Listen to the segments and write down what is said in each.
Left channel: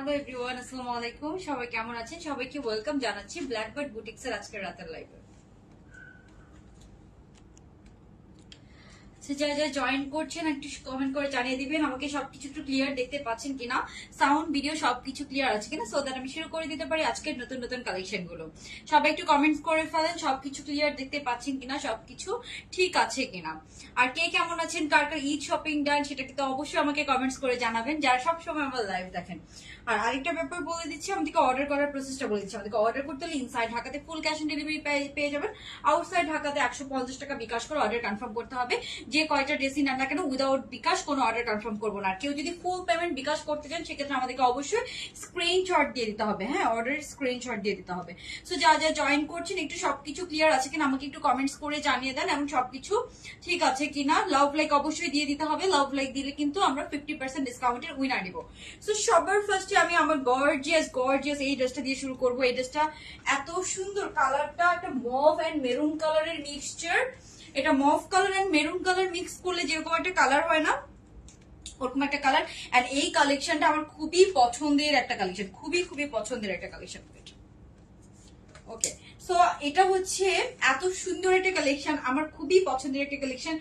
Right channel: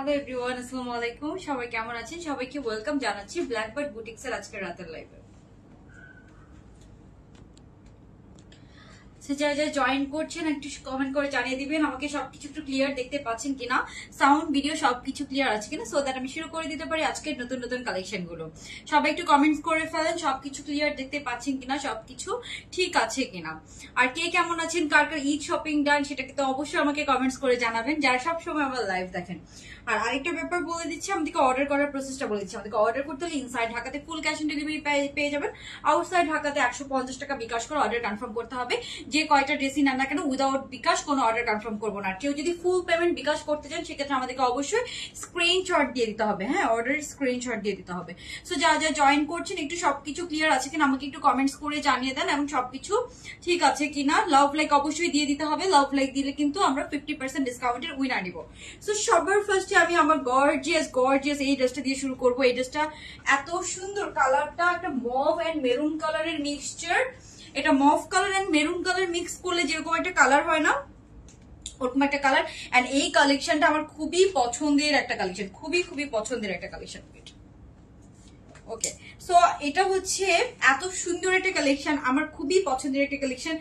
Hello everyone, আসসালামু আলাইকুম। সবাই কেমন আছেন? সবাইকে ওয়েলকাম জানাচ্ছি ব্ল্যাকবার্ড বুটিক্স এর আজকের রাতের লাইভে। যারা যারা জয়েন করছেন একটু কমেন্ট করে জানিয়ে দিবেন আমাকে সবকিছু একটু ক্লিয়ার দেখতে পাচ্ছেন কিনা, সাউন্ড ভিডিও সবকিছু ক্লিয়ার আছে কিনা, সো দ্যাট আমি শুরু করে দিতে পারি আজকের নতুন নতুন কালেকশন গুলো। সবাই একটু কমেন্টস করে ফেলেন সবকিছু ক্লিয়ার দেখতে পাচ্ছেন কিনা, সবকিছু ঠিক আছে কিনা। আর কে কেমন আছেন, কার কার ঈদ শপিং ডান সেটা কিন্তু অবশ্যই আমাকে কমেন্টস করে জানাবেন যারা সবসময় আমরা লাইভ দেখেন। আর আরেকটা ব্যাপার বলে দিচ্ছি, আমাদেরকে অর্ডার করার প্রসেসটা বলে দিচ্ছি। আমাদেরকে অর্ডার করতে হলে ইনসাইড ঢাকাতে ফুল ক্যাশ অন ডেলিভারি পেয়ে যাবেন, আউটসাইড ঢাকাতে 150 টাকা বিকাশ করে অর্ডার কনফার্ম করতে হবে। যে কয়টা ড্রেসই নেন না কেন উইদাউট বিকাশ কোনো অর্ডার কনফার্ম করবো না। কেউ যদি ফুল পেমেন্ট বিকাশ করতে চান সেক্ষেত্রে আমাদেরকে অবশ্যই স্ক্রিনশট দিয়ে দিতে হবে। হ্যাঁ, অর্ডারের স্ক্রিনশট দিয়ে দিতে হবে। সো যারা যারা জয়েন করছেন একটু সবকিছু ক্লিয়ার আছে কিনা আমাকে একটু কমেন্টস করে জানিয়ে দেন এবং সবকিছু ঠিক আছে কিনা। লাভ লাইক অবশ্যই দিয়ে দিতে হবে। লাভ লাইক দিলে কিন্তু আমরা 50% ডিসকাউন্টের উইনার নিব। সো সবার ফার্স্টে আমি আমার গর্জিয়াস এই ড্রেসটা দিয়ে শুরু করবো। এই ড্রেসটা এত সুন্দর, কালারটা একটা মভ এন্ড মেরুন কালারের মিক্সচার। এটা mauve colour and maroon colour mix করলে যেরকম একটা কালার হয় না, ওরকম একটা কালার। এন্ড এই কালেকশনটা আমার খুবই পছন্দের একটা কালেকশন, খুবই খুবই পছন্দের একটা কালেকশন। ওকে, সো এটা হচ্ছে এত সুন্দর একটা কালেকশন, আমার খুবই পছন্দের একটা কালেকশন।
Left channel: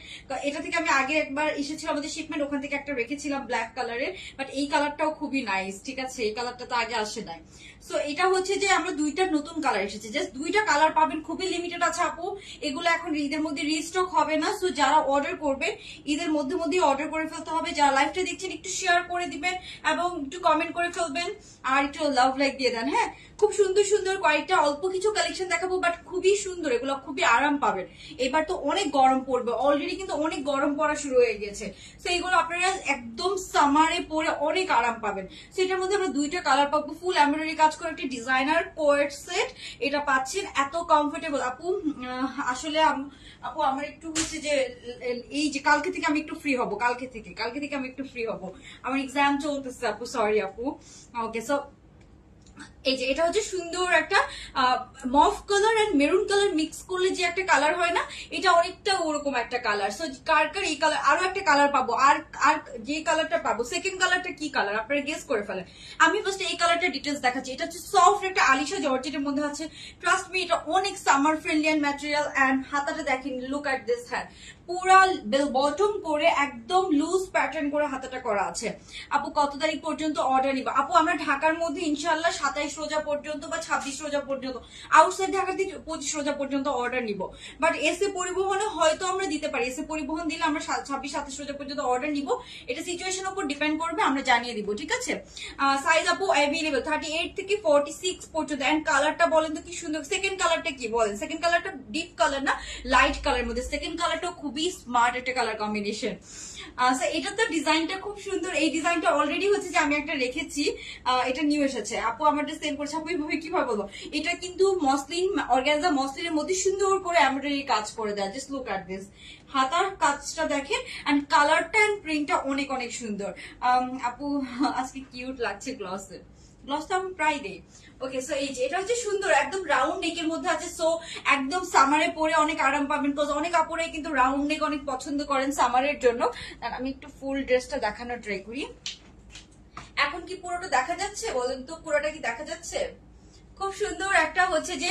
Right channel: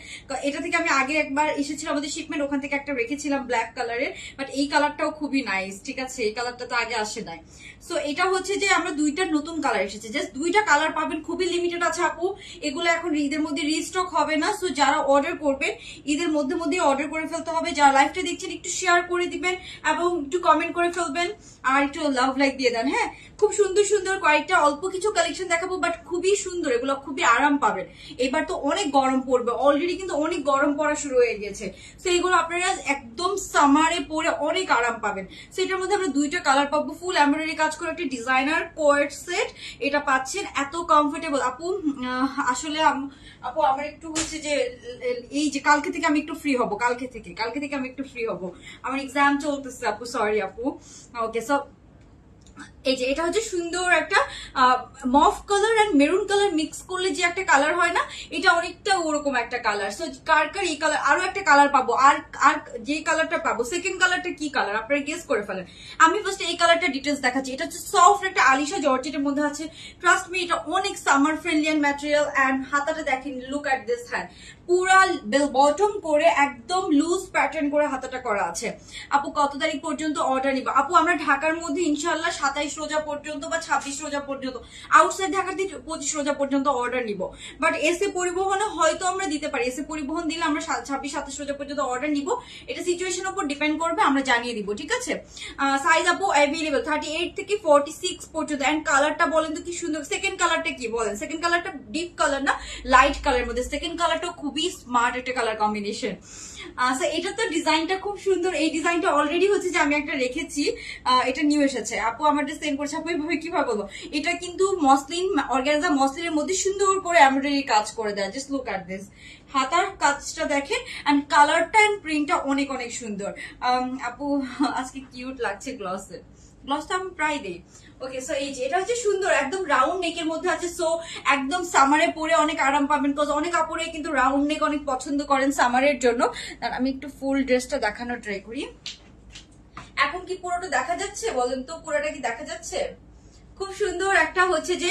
এটা থেকে আমি আগে একবার এসেছিল আমাদের শিপমেন্ট, ওখান থেকে একটা রেখেছিলাম ব্ল্যাক কালারের, বাট এই কালারটাও খুবই নাইস। ঠিক আছে, এই কালারটা তো আগে আসে নাই। সো এটা হচ্ছে যে আমরা দুইটা নতুন কালার এসেছে, জাস্ট দুইটা কালার পাবেন, খুবই লিমিটেড আছে আপু। এগুলো এখন ঈদের মধ্যে রিস্টক হবে না। সো যারা অর্ডার করবেন ঈদের মধ্যে অর্ডার করে ফেলতে হবে। যারা লাইভটা দেখছেন একটু শেয়ার করে দিবেন এবং একটু কমেন্ট করে ফেলবেন আর একটু লাভ লাইক দিয়ে দেন। হ্যাঁ, খুব সুন্দর সুন্দর কয়েকটা অল্প কিছু কালেকশন দেখাবো, বাট খুবই সুন্দর, এগুলো খুবই আরাম পাবেন। এবার তো অনেক গরম পড়বে, অলরেডি কিন্তু অনেক গরম পড়া শুরু হয়ে গেছে। তো এইগুলো আপনারা একদম সামারে পরে অনেক আরাম পাবেন। তো এটার মধ্যে আমরা দুইটা কালার পাবো, ফুল এমব্রয়ডারি কাজ করে একটা ডিজাইনার কোয়ার্ট সেট এটা পাচ্ছেন, এত কমফোর্টেবল আপু। আসলে আপু আমার একটু হচ্ছে যে এই যে কালকে থেকে আমি একটু ফ্রি হব, কালকে থেকে আমি একটু ফ্রি হব, আমার এক্সাম চলতেছে আপু, সরি আপু। ওকে, সো এই যে এটা হচ্ছে সুন্দর একটা mauve colour and maroon colour mix করলে যে একটা কালার হয় না, এটা অনেকটা ওরকম একটা কালার। সো কার কার এই কালার, আরো একটা কালার পাবো, আর যে কালারটা পাবো সেকেন্ড কালারটা কি কালার আপনারা গেস করে ফেলেন। আমি ফার্স্ট এই কালারটা ডিটেলস দেখাচ্ছি। এটা হচ্ছে সফট একটা আলিশা জর্জেটের মধ্যে আছে। ট্রাস্ট মি, এটা অনেক summer friendly and material. And হাতাটা দেখেন, লুক এট দিস হ্যান্ড, পুরা বেল বটম করে একদম লুজ প্যাটার্ন করে হাতাটা করা আছে। আপু কত তারিখ পর্যন্ত অর্ডার নিবা? আপু আমরা ঢাকার মধ্যে ইনশাল্লাহ 27 রোজা পর্যন্ত বা 26 রোজা পর্যন্ত, আউটসাইড ঢাকা থেকে 25 রোজা পর্যন্ত অর্ডার নিব। বাট এসে পরিবহনে হয়তো আমরা দিতে পারি, এসে পরিবহন দিলে আমরা 26-27 রোজা পর্যন্ত অর্ডার নিব। এটা সিচুয়েশনের উপর ডিপেন্ড করবে, আমরা জানিয়ে দিব। ঠিক আছে, সাইজ আপু অ্যাভেলেবল 38 থেকে 46 পর্যন্ত। এন্ড কালারটা বলেন তো কি সুন্দর। সেকেন্ড কালারটা কি বলেন? সেকেন্ড কালারটা ডিপ কালার না, লাইট কালার মধ্যে। সেকেন্ড কালারটা খুবই স্মার্ট একটা কালার কম্বিনেশন। এটা তো ডিজাইনটা খুব সুন্দর। এই ডিজাইনটা অলরেডি হচ্ছে যে আমি একটা রেখেছি, এটা নিউ এসেছে। আপু আমাদের সেন্ড করছে, আপু এইভাবে কিভাবে বলবো, এটা কিন্তু মসলিন অর্গানজা মসলিনের মধ্যে সুন্দর করে এমব্রয়ডারি কাজ করে দেয়। জাস্ট লুক এট দিস, হাতার কাজটা দেখেন এন্ড কালারটা এন্ড প্রিন্টটা অনেক অনেক সুন্দর। আপু আজকে কিউট লাগছে গ্লসটা আমি প্রায় দেই। ওকে, সো এই যে এটা হচ্ছে সুন্দর, একদম রাউন্ড নেকের মধ্যে আছে। সো একদম সামারে পরে অনেক আরাম পাবেন, বিকজ অনেক আপুরে কিন্তু রাউন্ড নেক অনেক পছন্দ করেন সামারের জন্য। আমি একটু ফুল ড্রেসটা দেখানোর ট্রাই করি। এখন কি পুরোটা দেখা যাচ্ছে বলেন তো? পুরোটা কি দেখা যাচ্ছে? খুব সুন্দর একটা হচ্ছে যে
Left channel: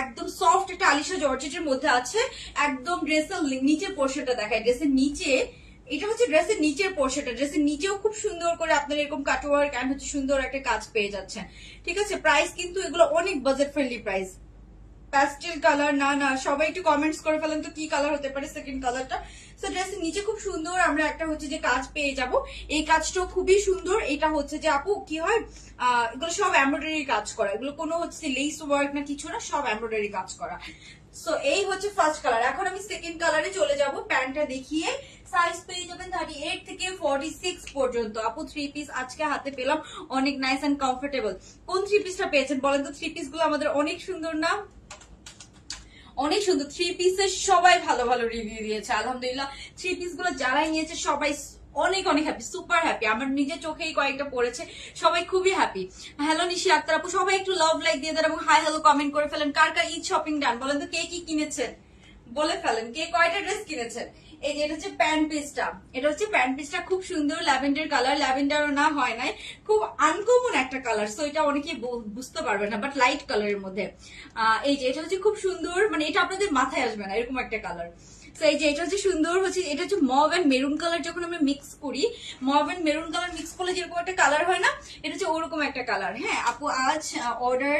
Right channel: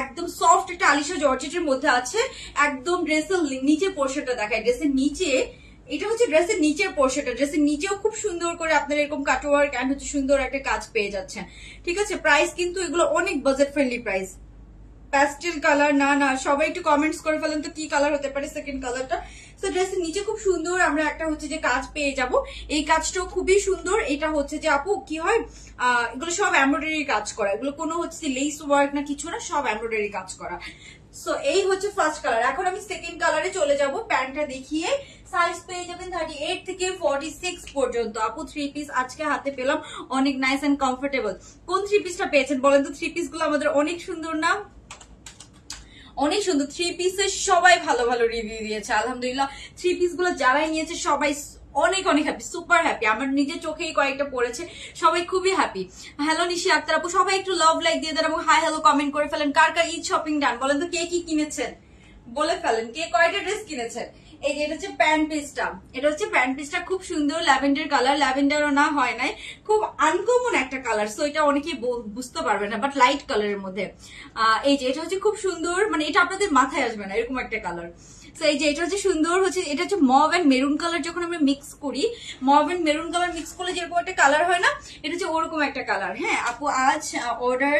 একদম সফট একটা আলিশা জর্জেটের মধ্যে আছে। একদম ড্রেসের নিচের পোর্শনটা দেখায়, ড্রেসের নিচে এটা হচ্ছে ড্রেসের নিচের পোর্শনটা। ড্রেসের নিচেও খুব সুন্দর করে আপনারা এরকম কাটওয়ার্ক এন্ড হচ্ছে সুন্দর একটা কাজ পেয়ে যাচ্ছেন। ঠিক আছে, প্রাইস কিন্তু এগুলো অনেক budget friendly price. Pastel colour না, সবাই একটু কমেন্টস করে ফেলেন তো কি কালার হতে পারে সেকেন্ড কালারটা। সো ড্রেসের নিচে খুব সুন্দর আমরা একটা হচ্ছে যে কাজ পেয়ে যাব। এই কাজটাও খুবই সুন্দর। এটা হচ্ছে যে আপু কি হয়, এগুলো সব এমব্রয়ডারি কাজ করা, এগুলো কোনো হচ্ছে যে লেস ওয়ার্ক না কিছু না, সব এমব্রয়ডারি কাজ করা। সো এই হচ্ছে ফার্স্ট কালার। এখন আমি সেকেন্ড কালারে চলে যাব। প্যান্টটা দেখিয়ে সাইজ পেয়ে যাবেন 38 থেকে 46 পর্যন্ত। আপু থ্রি পিস আজকে হাতে পেলাম, অনেক নাইস এন্ড কমফোর্টেবল। কোন থ্রি পিসটা পেয়েছেন বলেন তো? থ্রি পিস গুলো আমাদের অনেক সুন্দর না, অনেক সুন্দর। থ্রি পিসের সবাই ভালো ভালো রিভিউ দিয়েছে আলহামদুলিল্লাহ। থ্রি পিস গুলো যারাই নিয়েছে সবাই অনেক অনেক হ্যাপি, সুপার হ্যাপি। আমার নিজের চোখেই কয়েকটা পড়েছে, সবাই খুবই হ্যাপি। হ্যালো নিশি আক্তার আপু, সবাই একটু লাভ লাইক দিয়ে দেন এবং হাই হ্যালো কমেন্ট করে ফেলেন। কার কার ঈদ শপিং ডান বলেন তো? কে কি কিনেছেন বলে ফেলেন, কে কয়টা ড্রেস কিনেছেন? এই যে এটা হচ্ছে প্যান্ট পিসটা, এটা হচ্ছে প্যান্ট পিসটা খুব সুন্দর ল্যাভেন্ডার কালার, ল্যাভেন্ডারও না হয় নাই, খুব আনকমন একটা কালার, সো এটা অনেকেই বুঝতে পারবে না, বাট লাইট কালারের মধ্যে। এই যে এটা হচ্ছে খুব সুন্দর, মানে এটা আপনাদের মাথায় আসবে না এরকম একটা কালার। তো এই যে এটা হচ্ছে সুন্দর হচ্ছে, এটা হচ্ছে মভ এন্ড মেরুন কালার, যখন আমরা মিক্স করি mauve and maroon colour mix করলে যেরকম একটা কালার হয় না, এটা হচ্ছে ওরকম একটা কালার। হ্যাঁ আপু আজ অর্ডার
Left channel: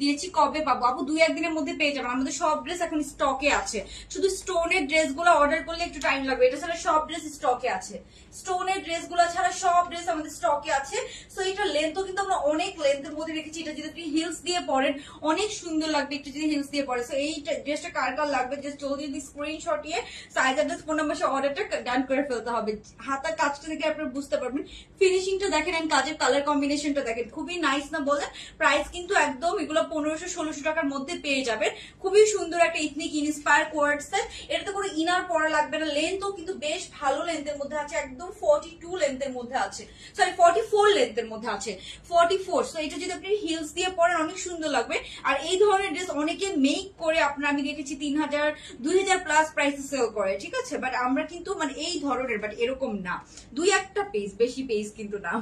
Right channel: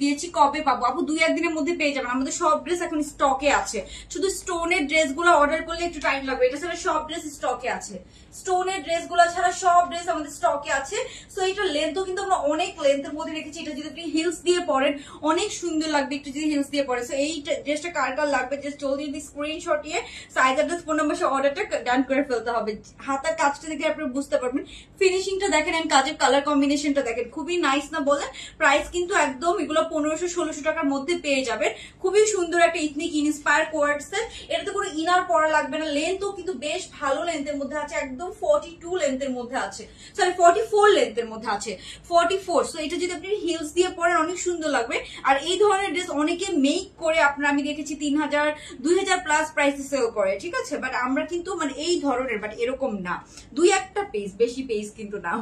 দিয়েছি, কবে পাবো আপু? 2-1 দিনের মধ্যে পেয়ে যাবেন, আমাদের সব ড্রেস এখন স্টকে আছে, শুধু স্টোনের ড্রেস গুলো অর্ডার করলে একটু টাইম লাগবে, এটা ছাড়া সব ড্রেস স্টকে আছে, স্টোনের ড্রেস গুলো ছাড়া সব ড্রেস আমাদের স্টকে আছে। সো এটা লেন্থও কিন্তু আমরা অনেক লেন্থের মধ্যে রেখেছি, এটা যদি আপনি হিলস দিয়ে পরেন অনেক সুন্দর লাগবে একটু যদি হিলস দিয়ে পরে। সো এই ড্রেসটা কার কার লাগবে জাস্ট জলদি স্ক্রিনশট নিয়ে সাইজ অ্যাড্রেস ফোন নাম্বার অর্ডারটা ডান করে ফেলতে হবে। হাতার কাজটা দেখলে আপনারা বুঝতে পারবেন, ফিনিশিংটা দেখেন এন্ড কাজের কালার কম্বিনেশনটা দেখেন, খুবই নাইস না বলে? প্রাইস কিন্তু একদম এগুলো 1500-1600 টাকার মধ্যে পেয়ে যাবে। খুবই সুন্দর একটা ইথনিক ইন্সপায়ার কোয়ার্টসের, এটাতে কোনো ইনার পরা লাগবে না, লেন্থও কিন্তু বেশ ভালো লেন্থের মধ্যে আছে, একদম 42 লেন্থের মধ্যে আছে, সরি 44 লেন্থের মধ্যে আছে, 44। সো এটা যদি আপনি হিলস দিয়ে পরেন অনেক সুন্দর লাগবে। আর এই ধরনের ড্রেস অনেকে মেক করে আপনার আমি দেখেছি 3000-2000 প্লাস প্রাইসে সেল করে, ঠিক আছে? বাট আমরা কিন্তু মানে এই ধরনের, বাট এরকম না, 2-1টা পিস, বেশি পিস কিন্তু না।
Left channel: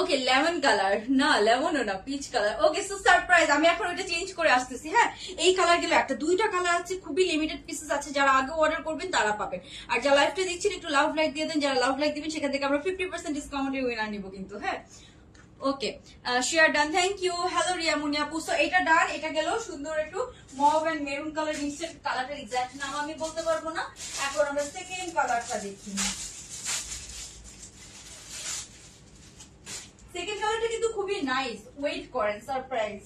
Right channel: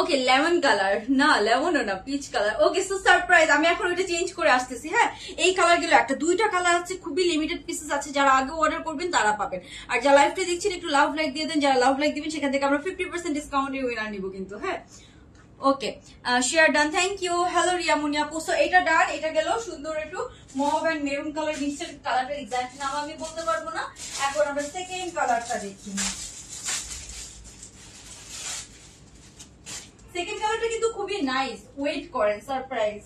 ওকে লেমন কালার, না লেমনও না, peach colour. Okay so surprise, আমি এখন এটা চেঞ্জ করে আসতেছি। হ্যাঁ এই কালার গুলো একটা 2টা কালার আছে, খুবই লিমিটেড পিসেস আছে, যারা আগে অর্ডার করবেন তারা পাবেন। আর যারা লাইভটা দেখছেন একটু লাভ লাইক দিয়ে দেন, যারা লাভ লাইক দিবেন সেখান থেকে আমরা 50% ডিসকাউন্টের উইনার নিব কিন্তু। হ্যাঁ okay share done, thank you. Hello Riyamoni আপু, সো এটা ডান, এটা গেল সুন্দর একটু mauve and maroon colour mixed, কালারটা এক্সাক্ট নাম আমি বলতে পারবো না। এখন আমরা সেকেন্ড কালারটা দেখি, সেকেন্ড কালারটা কিন্তু খুবই নাইস, ওয়েট করেন surprise.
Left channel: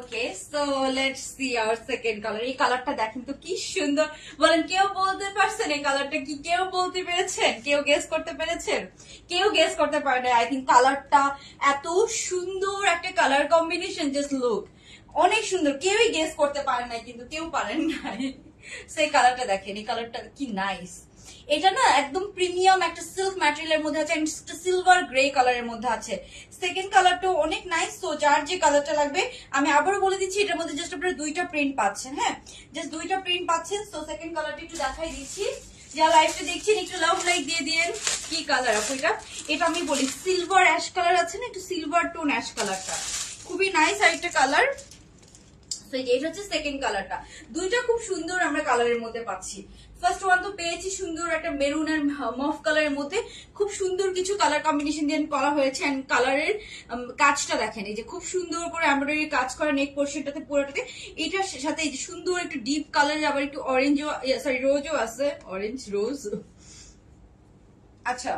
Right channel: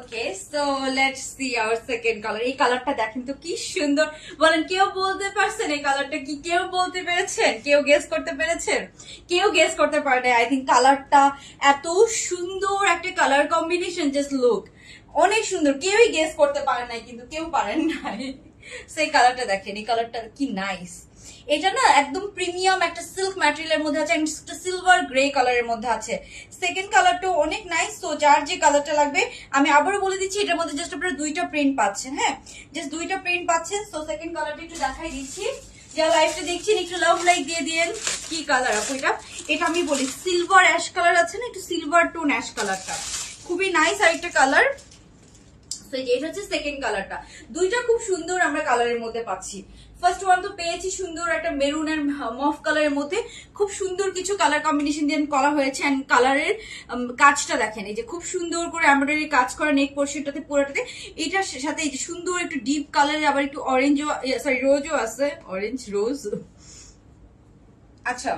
Okay so let's see our second colour. এই কালারটা দেখেন তো কি সুন্দর, বলেন কেউ বলতে পারছেন এই কালারটা কি? কেউ বলতে পেরেছেন? কেউ গেস করতে পেরেছেন? কেউ গেস করতে পারে না। আই থিঙ্ক কালারটা এত সুন্দর একটা কালার কম্বিনেশন, জাস্ট লুক, অনেক সুন্দর, কেউই গেস করতে পারেন নাই, কিন্তু কেউ পারেন নাই। সেই কালারটা দেখেন, এই কালারটা কি নাইস, এটা না একদম প্রিমিয়াম একটা সিল্ক ম্যাটেরিয়ালের মধ্যে আছে, সিলভার গ্রে কালারের মধ্যে আছে। সেকেন্ড কালারটাও অনেক নাইস। তো যার যে কালারটা লাগবে আমি আবারও বলে দিচ্ছি, এটার মধ্যে জাস্ট আপনারা 2টা প্রিন্ট পাচ্ছেন। হ্যাঁ জাস্ট 2টা প্রিন্ট পাচ্ছেন। তো সেকেন্ড কালারটা একটু দেখাই দিচ্ছি, যা লাইভটা দেখছেন একটু লাভ লাইক দিয়ে দিন। কি কালার আপু এটা? এটা আমি বলি সিলভার অ্যাশ কালার আছে না, একটু সিলভার টোন অ্যাশ কালারটা খুবই নাইস আরেকটা কালার। এটা হচ্ছে সেকেন্ড কালারটা, 2টা খুব সুন্দর আমরা কালারের মধ্যে পাচ্ছি। ফার্স্ট ওয়ান তো পেয়েছি সুন্দর একটা মেরুন এন্ড মফ কালারের মধ্যে, খুব সুন্দর কিছু কালার কম্বিনেশন দিয়ে করা হয়েছে। এন্ড কালারের কাজটা দেখেন, এই যে খুব সুন্দর করে এমব্রয়ডারি কাজ করা নেক পোর্শনটাতে পুরোটাতে, এটার সাথে এই যে সুন্দর একটু ডিপ কালারের আবার একটু অরেঞ্জও, সরি রোজও আছে, অরেঞ্জ রোজ, আচ্ছা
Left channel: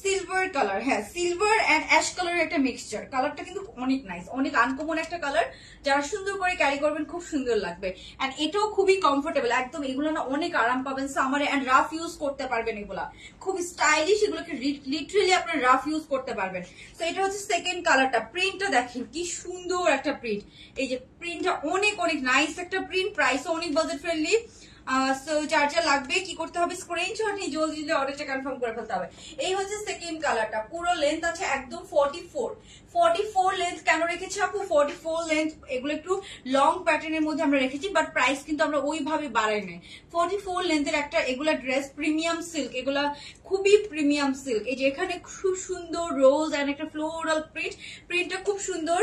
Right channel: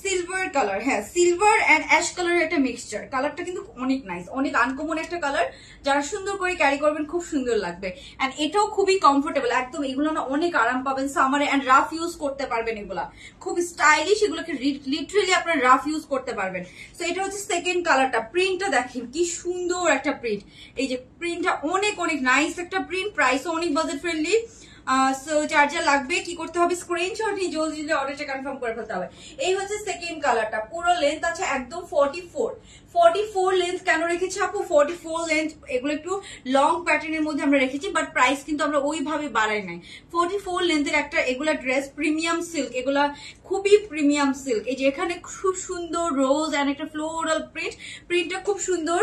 সিলভার কালার, হ্যাঁ সিলভার এন্ড অ্যাশ কালারের একটা মিক্সচার। কালারটা কিন্তু অনেক নাইস, অনেক আনকমন একটা কালার, যারা সুন্দর করে ক্যারি করবেন খুব সুন্দর লাগবে। এন্ড এটাও খুবই কমফোর্টেবল, একদম এগুলো না অনেক আরাম পাবেন সামারে, এন্ড রাফ ইউজ করতে পারবেন, এগুলা খুব স্টাইলিশ, এগুলোকে লিটারালি আপনার রাফ ইউজ করতে পারবেন। তো এটা হচ্ছে সেকেন্ড কালারটা। প্রিন্টটা দেখেন কি সুন্দর একটা প্রিন্ট, এই যে প্রিন্টটা অনেক অনেক নাইস একটা প্রিন্ট, প্রাইসও অনেক বাজেট ফ্রেন্ডলি। সো যার যা লাগবে কি করতে হবে, স্ক্রিনশট নিয়ে জলদি জলদি অর্ডারটা কনফার্ম করে ফেলতে হবে। এই হচ্ছে সেকেন্ড কালারটা, পুরো লেন্থ আছে একদম 44 লেন্থ। কেন রেখেছি আপু 44 লেন্থ? এগুলো একটু লং প্যাটার্নের মধ্যে আমরা রেখেছি, বাট প্রাইস কিন্তু আমরা ওইভাবে বাড়াই নাই। 44 লেন্থের একটা এগুলা ড্রেস, প্রিমিয়াম সিল্ক, এগুলা খুবই প্রিমিয়াম সিল্ক। এই যে এখানে খুব সুন্দর রোজ এন্ড একটা ফ্লোরাল প্রিন্ট, প্রিন্টটা খুব সুন্দর।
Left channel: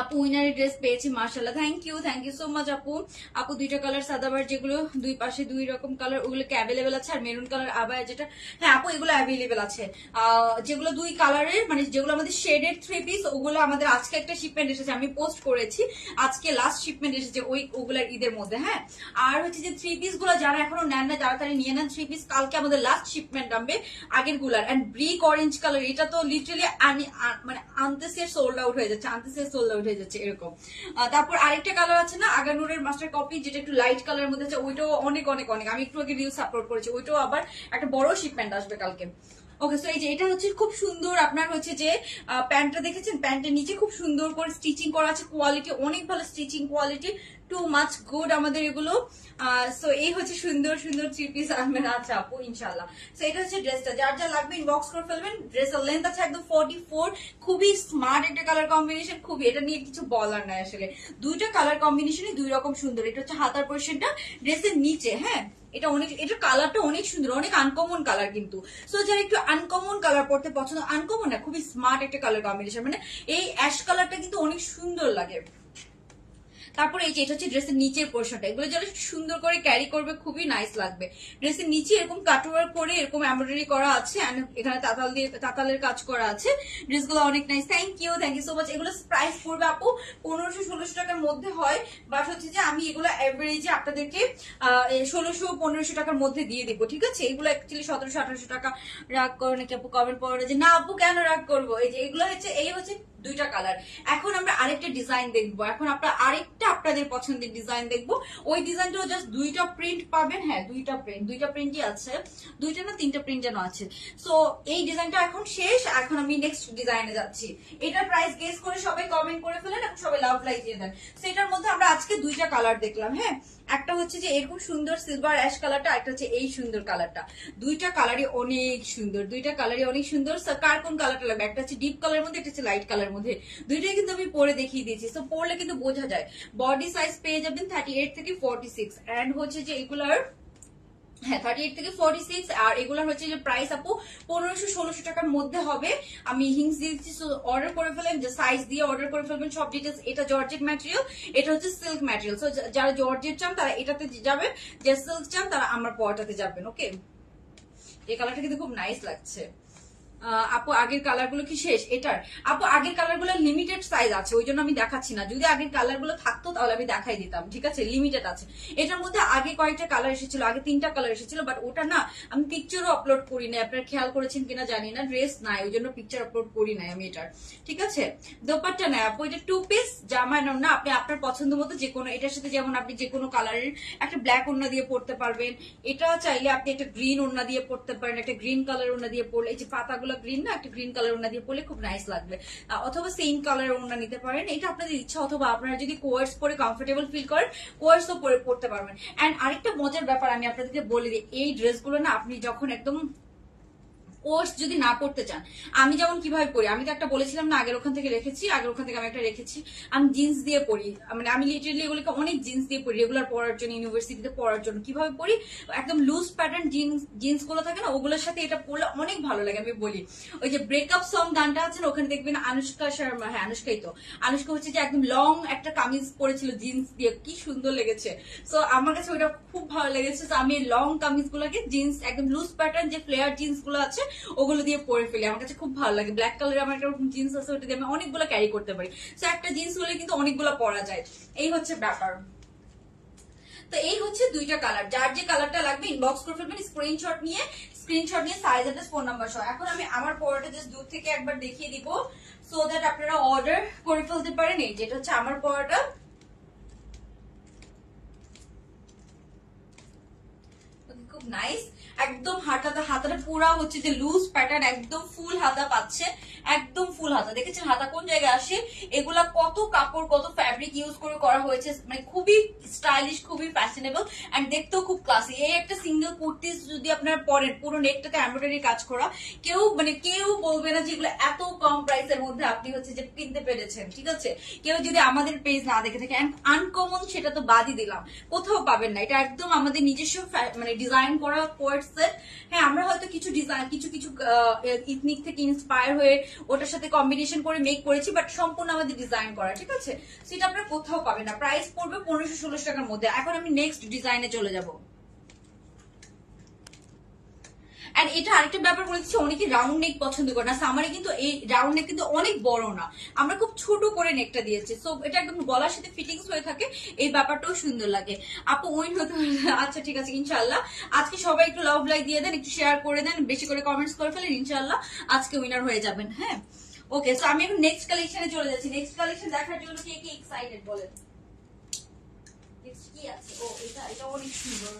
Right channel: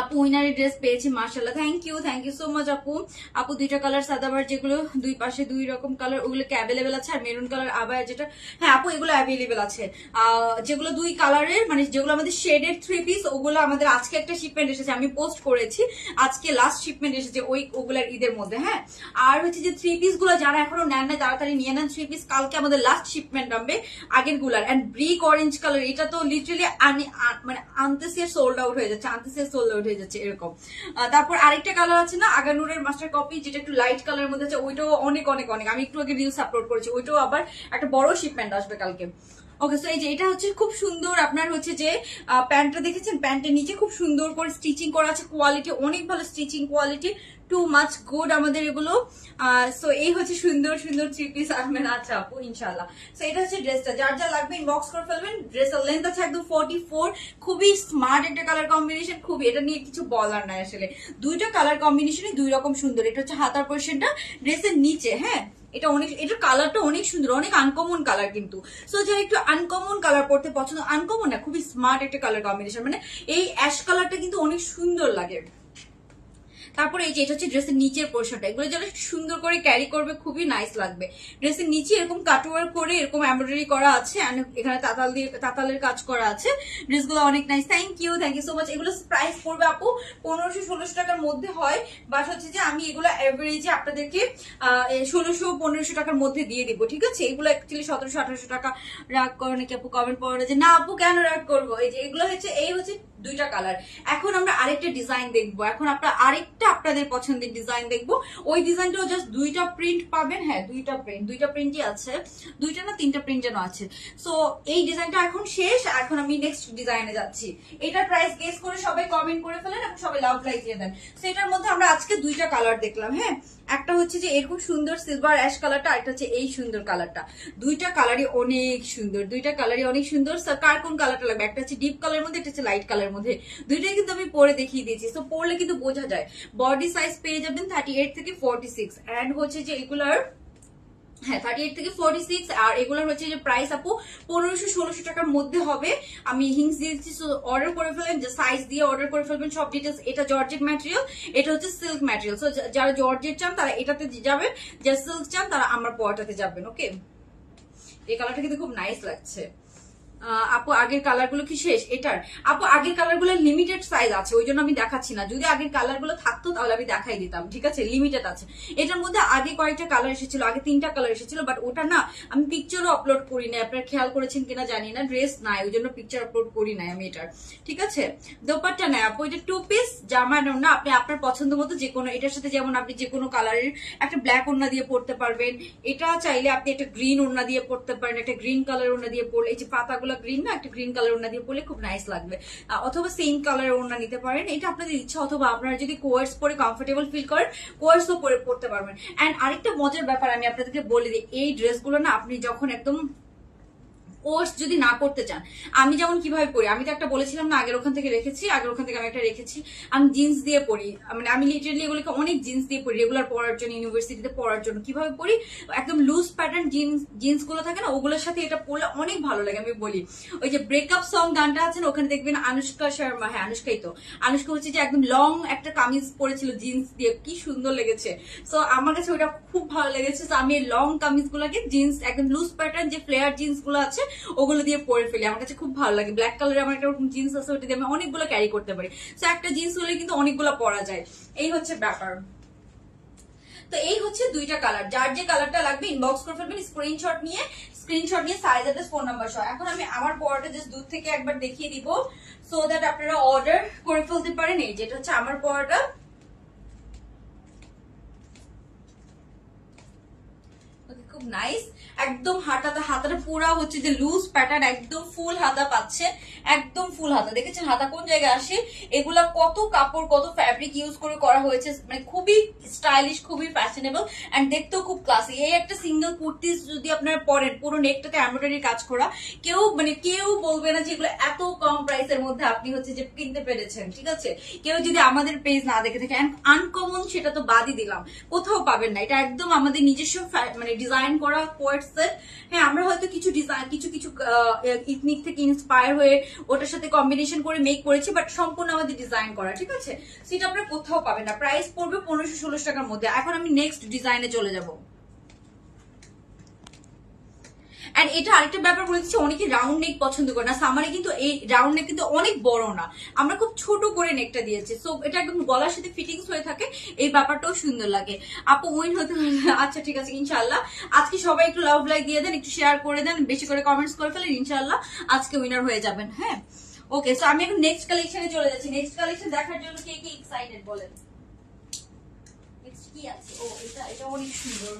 আপু উইনারের ড্রেস পেয়েছি মার্শাল্লাহ, থ্যাংক ইউ সো মাচ আপু। আপু দুইটা কালার সাদাবার যেগুলো দুই পাশে দুই রকম কালার, ওগুলো কি অ্যাভেলেবেল আছে? আর মেরুন কালার আবায়া যেটা, হ্যাঁ আপু এগুলো অ্যাভেলেবেল আছে। যেগুলো দুই কালারের মানে যেগুলো আমাদের শেডেড 3 পিস, ওগুলো আমাদের আজকে একটা শিপমেন্ট এসেছে, আমি পোস্ট করেছি আজকে লাস্ট শিপমেন্ট এসেছে ওগুলার ঈদের মধ্যে। হ্যাঁ আর হচ্ছে যে 3 পিস গুলো যারা এখনো নেন না তাড়াতাড়ি নিয়ে নেন 3 পিস, কালকে আমাদের লাস্ট শিপমেন্ট নামবে আগের গুলার। এন্ড ব্রিক অরেঞ্জ কালার, এটা তো লিটারালি মানে আনতেসে সোল্ড আউট হয়ে যাচ্ছে, এরকম। তারপর আরেকটা কালার আছে না আগানুরের মাস্টার কপি, যেটা একটু লাইট কালারের মধ্যে আছে, ওইটাও অনেক অনেক অনেক, আমি একটু আগে রিলস আপলোড করেছি, ওইটাও আবার একটা বড় শিপমেন্ট আসবে কালকে। ওকে সো এই যে এটা হচ্ছে খুব সুন্দর, আপনার হচ্ছে যে প্যান্টটা দেখেছেন, প্যান্টের নিচে খুব সুন্দর করে স্টিচিং করা আছে, কোয়ালিটি অনেক ভালো, stitching quality too much good আমাদের এগুলো। সো এই হচ্ছে সুন্দর সুন্দর 3 পিস আসবেন। আচ্ছা আপু ইনশাল্লাহ। সো এটা হচ্ছে ড্রেসটা, যার যা লাগবে ইনবক্স করে ফেলবেন। ড্রেসের লেন্থ আছে একদম 44, খুবই স্মার্ট একটা কালার কম্বিনেশন, খুবই, এটা নিয়ে কিছু বলার নাই আসলে। দুইটা কালার কম্বিনেশনে দুই রকম সুন্দর। এটা হচ্ছে হাতার পোর্শনটা, ড্রেসের নিচে, হ্যাঁ এটা অনেক, এটার কালারটা অনেক সুন্দর, অনেক আনকমন কালার কিন্তু। সো যারা একটু আনকমন কালার পড়তে পছন্দ, আনকমন না খুবই স্মার্ট একটা কালার কম্বিনেশন, মানে এই অ্যাশ কালারটা কিন্তু অনেক সুন্দর লাগে। তারপরে এই যে এটা হচ্ছে ড্রেসের নিচের পোর্শনটা, এগুলো যারা সুন্দর করে ক্যারি করবে খুবই নাইস লাগবে। ড্রেসের নিচে এরকম কাটওয়ার্ক করে এরকম এমব্রয়ডারি করা আছে, এখানে তাতালের কাজ করা আছে। ড্রেসগুলো অনেক nice, thank you so much. এগুলো প্রাইস পড়বে আপু 1500-1600 টাকার মধ্যে হয়, বাট হচ্ছে যে আমি এগুলো এভারেজে আপনাদেরকে 1600-1500 টাকার মধ্যে দিয়ে দিব, ঠিক আছে। এগুলো অ্যাকচুয়ালি 1700-1800 টাকা। রাগ করো নাকি আপু কমেন্ট পড়ে যে না আপু কেন রাগ করবো? এই যে এগুলো হচ্ছে, এই হচ্ছে দুইটা কালার। এখন আমরা আরেকটা ডিজাইন দেখবো, এখন আপনাদের পছন্দের ডিজাইন দেখবো। ওই ডিজাইনটাও জাস্ট দুইটা প্রিন্ট পাবেন, হ্যাঁ দুইটা প্রিন্টই আছে, দুইটা না তিনটা প্রিন্ট যেন আছে। সো এই ডিজাইনটা এখন শেষ, এখন আমি নেক্সট ডিজাইনে যাচ্ছি। এটার প্রাইস গেস করে সবাই কমেন্ট করে ফেলেন এবং সবাই লাভ লাইক দিয়ে দেন। সেটার মধ্যে আমরা আজকে দুইটা কালার দেখলাম, হ্যাঁ একটা হচ্ছে যে এরকম সুন্দর সিলভার অ্যাশ কালারটা, একটা হচ্ছে এই সুন্দর কালারটা। দুইটা কালারই অনেক সুন্দর, স্যার কার কোন কালারটা লাগবে? একটা হচ্ছে ডিপ কালারের মধ্যে, একটা হচ্ছে লাইট কালারের মধ্যে, দুইটাই কিন্তু আমি পরে দেখিয়ে দিয়েছি। তো পরলে কিন্তু বোঝা যায়। বডি সাইজ পেয়ে যাবেন 38 থেকে 46, এন্ড হচ্ছে যে এগুলার, হ্যাঁ 38 থেকে 46, আর এগুলোর হচ্ছে যে প্রাইস আপু 1500-1600 টাকার মধ্যে হবে। আমি হিংস দিয়েছি, অর্ডার করে ফেলেন, যে সাইজ দিয়ে অর্ডার করে ফেলবেন সব ডিটেলস। এটা জর্জেট ম্যাটেরিয়াল, এটা হচ্ছে সিল্ক ম্যাটেরিয়াল। সো যারা জর্জেট চান তারা এটাতে যাবেন, যারা সিল্ক চান তারা আমার পরটাতে যাবেন। ওকে এই কালারটা কিন্তু খুব নাইস লাগছে। আপু আগের কালার গুলো কি শেষ? এটার আপু আগের কালার গুলো লিমিটেড সাইজ আছে, ওই জন্য আমি দেখাচ্ছি না। যদি আগের কালার গুলো থাকতো তাহলে আমি দেখাই দিতাম, ঠিক আছে। লিমিটেড আছে। এটার মধ্যে আগে কয়েকটা কালার এসেছিল, আগে 3টা কালার এসেছিল, বাট ওটা না আমি পিকচারও আপলোড করি নাই, আপনারা খেয়াল করেছেন কিনা জানি না। ড্রেস নাই ওই জন্য পিকচার আপলোড করি নাই আমি এটার, ঠিক আছে। দোপাট্টা নাই আপু, এটা 2 পিস জামা না, আপনি আপনার পছন্দ মতো যে কোনো, এটার সাথে যেমন আপনি যে কোনো কালারের একটা ব্ল্যাক ওড়না দিয়ে পড়তে পারবেন। এটা চাইলে আপনি একটা গ্রিন ওড়না দিয়ে পড়তে পারেন, একটা গ্রিন কালার ওড়না দিয়ে পড়লে, এই যে পাতাগুলো গ্রিন না, একটা গ্রিন কালার ওড়না দিয়ে পরলে খুব নাইস লাগবে। অথবা সেম কালারের ওড়না নিতে পারেন, এটা আপনাদের ইচ্ছা। অথবা আপনারা যদি কোয়ার্স পরে কমফোর্টেবল ফিল করেন কোয়ার্সও পরে পড়তে পারবেন। এন্ড আরেকটা মজার ব্যাপার আমি আপনাদেরকে বলে দিই, এই ড্রেসগুলো না আপনি যখন একদম কোর্স যদি না করতে চান, আমি যেমন কিভাবে পড়ি, আমি তো একটা বলেছিলাম না আগের ওখান থেকে রেখেছি, আমি একটা রেখেছি, আমি জিন্স দিয়ে পড়ি, মানে আমি লিটারালি এগুলোকে অনেক জিন্স দিয়ে পড়ি রেগুলার পড়ার জন্য, ইউনিভার্সিটিতে পড়ার জন্য। কিভাবে পড়ি, একদম লুজ প্যাটার্ন জিন্স গুলো থাকে না, ওগুলোর সাথে এটা পড়লে অনেক ভালো লাগে। আমি বলি ওই যে ব্রেকআপ সং গানটা আছে না, ওখানে দেখবেন আনুষ্কা শর্মা, হ্যাঁ আনুষ্কাই তো, আনুষ্কা হচ্ছে যে একদম লং একটা কামিজ পরেছিল জিন্স দিয়ে, কি সুন্দর লেগেছে। সো আমার কাছে ওটা খুব ভালো লেগেছে। তো আমি লং কামিজ গুলোকে জিন্স একদম লুজ প্যাটার্ন যে ফ্লেয়ার জিন্স গুলো আছে ওগুলো দিয়ে পরে ফেলি, আমার কাছে খুব ভালো লাগে। ব্ল্যাক কালারের আমার একটা জিন্স আছে, ওটা দিয়ে আমি অনেকগুলো ক্যারি করতে পারি। তো একটা জিন্স হলে কিন্তু অনেকগুলো পরা যায়, এই হচ্ছে ব্যাপার। তো এই হচ্ছে দুইটা কালার, যার যে কালারটা লাগবে ইনবক্স করে ফেলবেন স্ক্রিনশট নিয়ে সাইজ অ্যাড্রেস ফোন নাম্বার সহ। এখন আমি আমার পরোটা জাস্ট দূর থেকে একবার দেখিয়ে দিব, সো দ্যাট আপনারা অর্ডার করে ফেলতে পারেন। এই যেটা হচ্ছে আমার পরোটা, খুব নাইস। একদম হাতাটা পুরা হচ্ছে যে লুজ প্যাটার্ন, একদম ফুল হাতা পাচ্ছে, একদম ফুল হাতা। দেখেছেন হাতা কোন জায়গায় আসে, এগুলা কত কাপড় কত ফ্যাব্রিক ইউজ করে করা হয়েছে, মানে খুবই স্টাইলিশ, খুবই ফ্যাশনেবল এন্ড দেখতেও খুব ক্লাসি। এই একটা সিঙ্গেল কুর্তিস যদি আপনারা পরেন, পুরো নেকটাতে এমব্রয়ডারি কাজ করা, কেউ বলবে না যে এগুলো এত কম প্রাইসের মধ্যে আপনি হচ্ছে যে কিনতে পেরেছেন, ঠিক আছে। কেউ যদি আমাদের পেজ না দেখে থাকে, আনকমন সেটা তো বাদই দিলাম, কোথাও পাবেন না। এটা একদম আমাদের নিজস্ব মানে ডিজাইন ডিজাইন করা কোয়ার্ড সেট। হ্যাঁ, আমরা হয়তো কিছু ডিজাইন কিছু কিছু ইথনিক থেকে ইন্সপায়ার হয়ে ওটার সাথে কম্বিনেশন করে মেক করেছি, বাট সম্পূর্ণ আমাদের ডিজাইন করা, ঠিক আছে? সেটা আপনারা কোথাও পাবেন না। প্রাইস পড়বে 1500-1600 টাকার মধ্যে। এখন আমি নেক্সট ডিজাইনে চলে যাব। এন্ড এটা আরেকটা ব্যাপার বলেছি, অনেকে রাউন্ড নেক পছন্দ করে না। সামারে কিন্তু এই রাউন্ড নেক কিন্তু অনেক বড় না, আমরা খুব ছোট করে নেকটা দিয়েছি, সো এটা একদম গলার সাথে ফিটিংস হয়ে থাকে, এই ব্যাপারটাও সুন্দর লাগে। আপু উইন হতে আচ্ছা ঠিক আছে ইনশাআল্লাহ। আজকে সবাই একটু লাভ লাইক দিয়ে দেন, একটু শেয়ার করে দেন, বেশি করে কমেন্টস করে ফেলেন, ইনশাআল্লাহ আজকে উইনার হয়ে যাবেন। হ্যাঁ ওকে, সো আমি এখন নেক্সট কালেকশনে চলে যাচ্ছি। নেক্সট কালেকশন দেখার জন্য কে কে এক্সাইটেড বলেন? নেক্সট কি আছে? ও এটা এটা অনেক সুন্দর,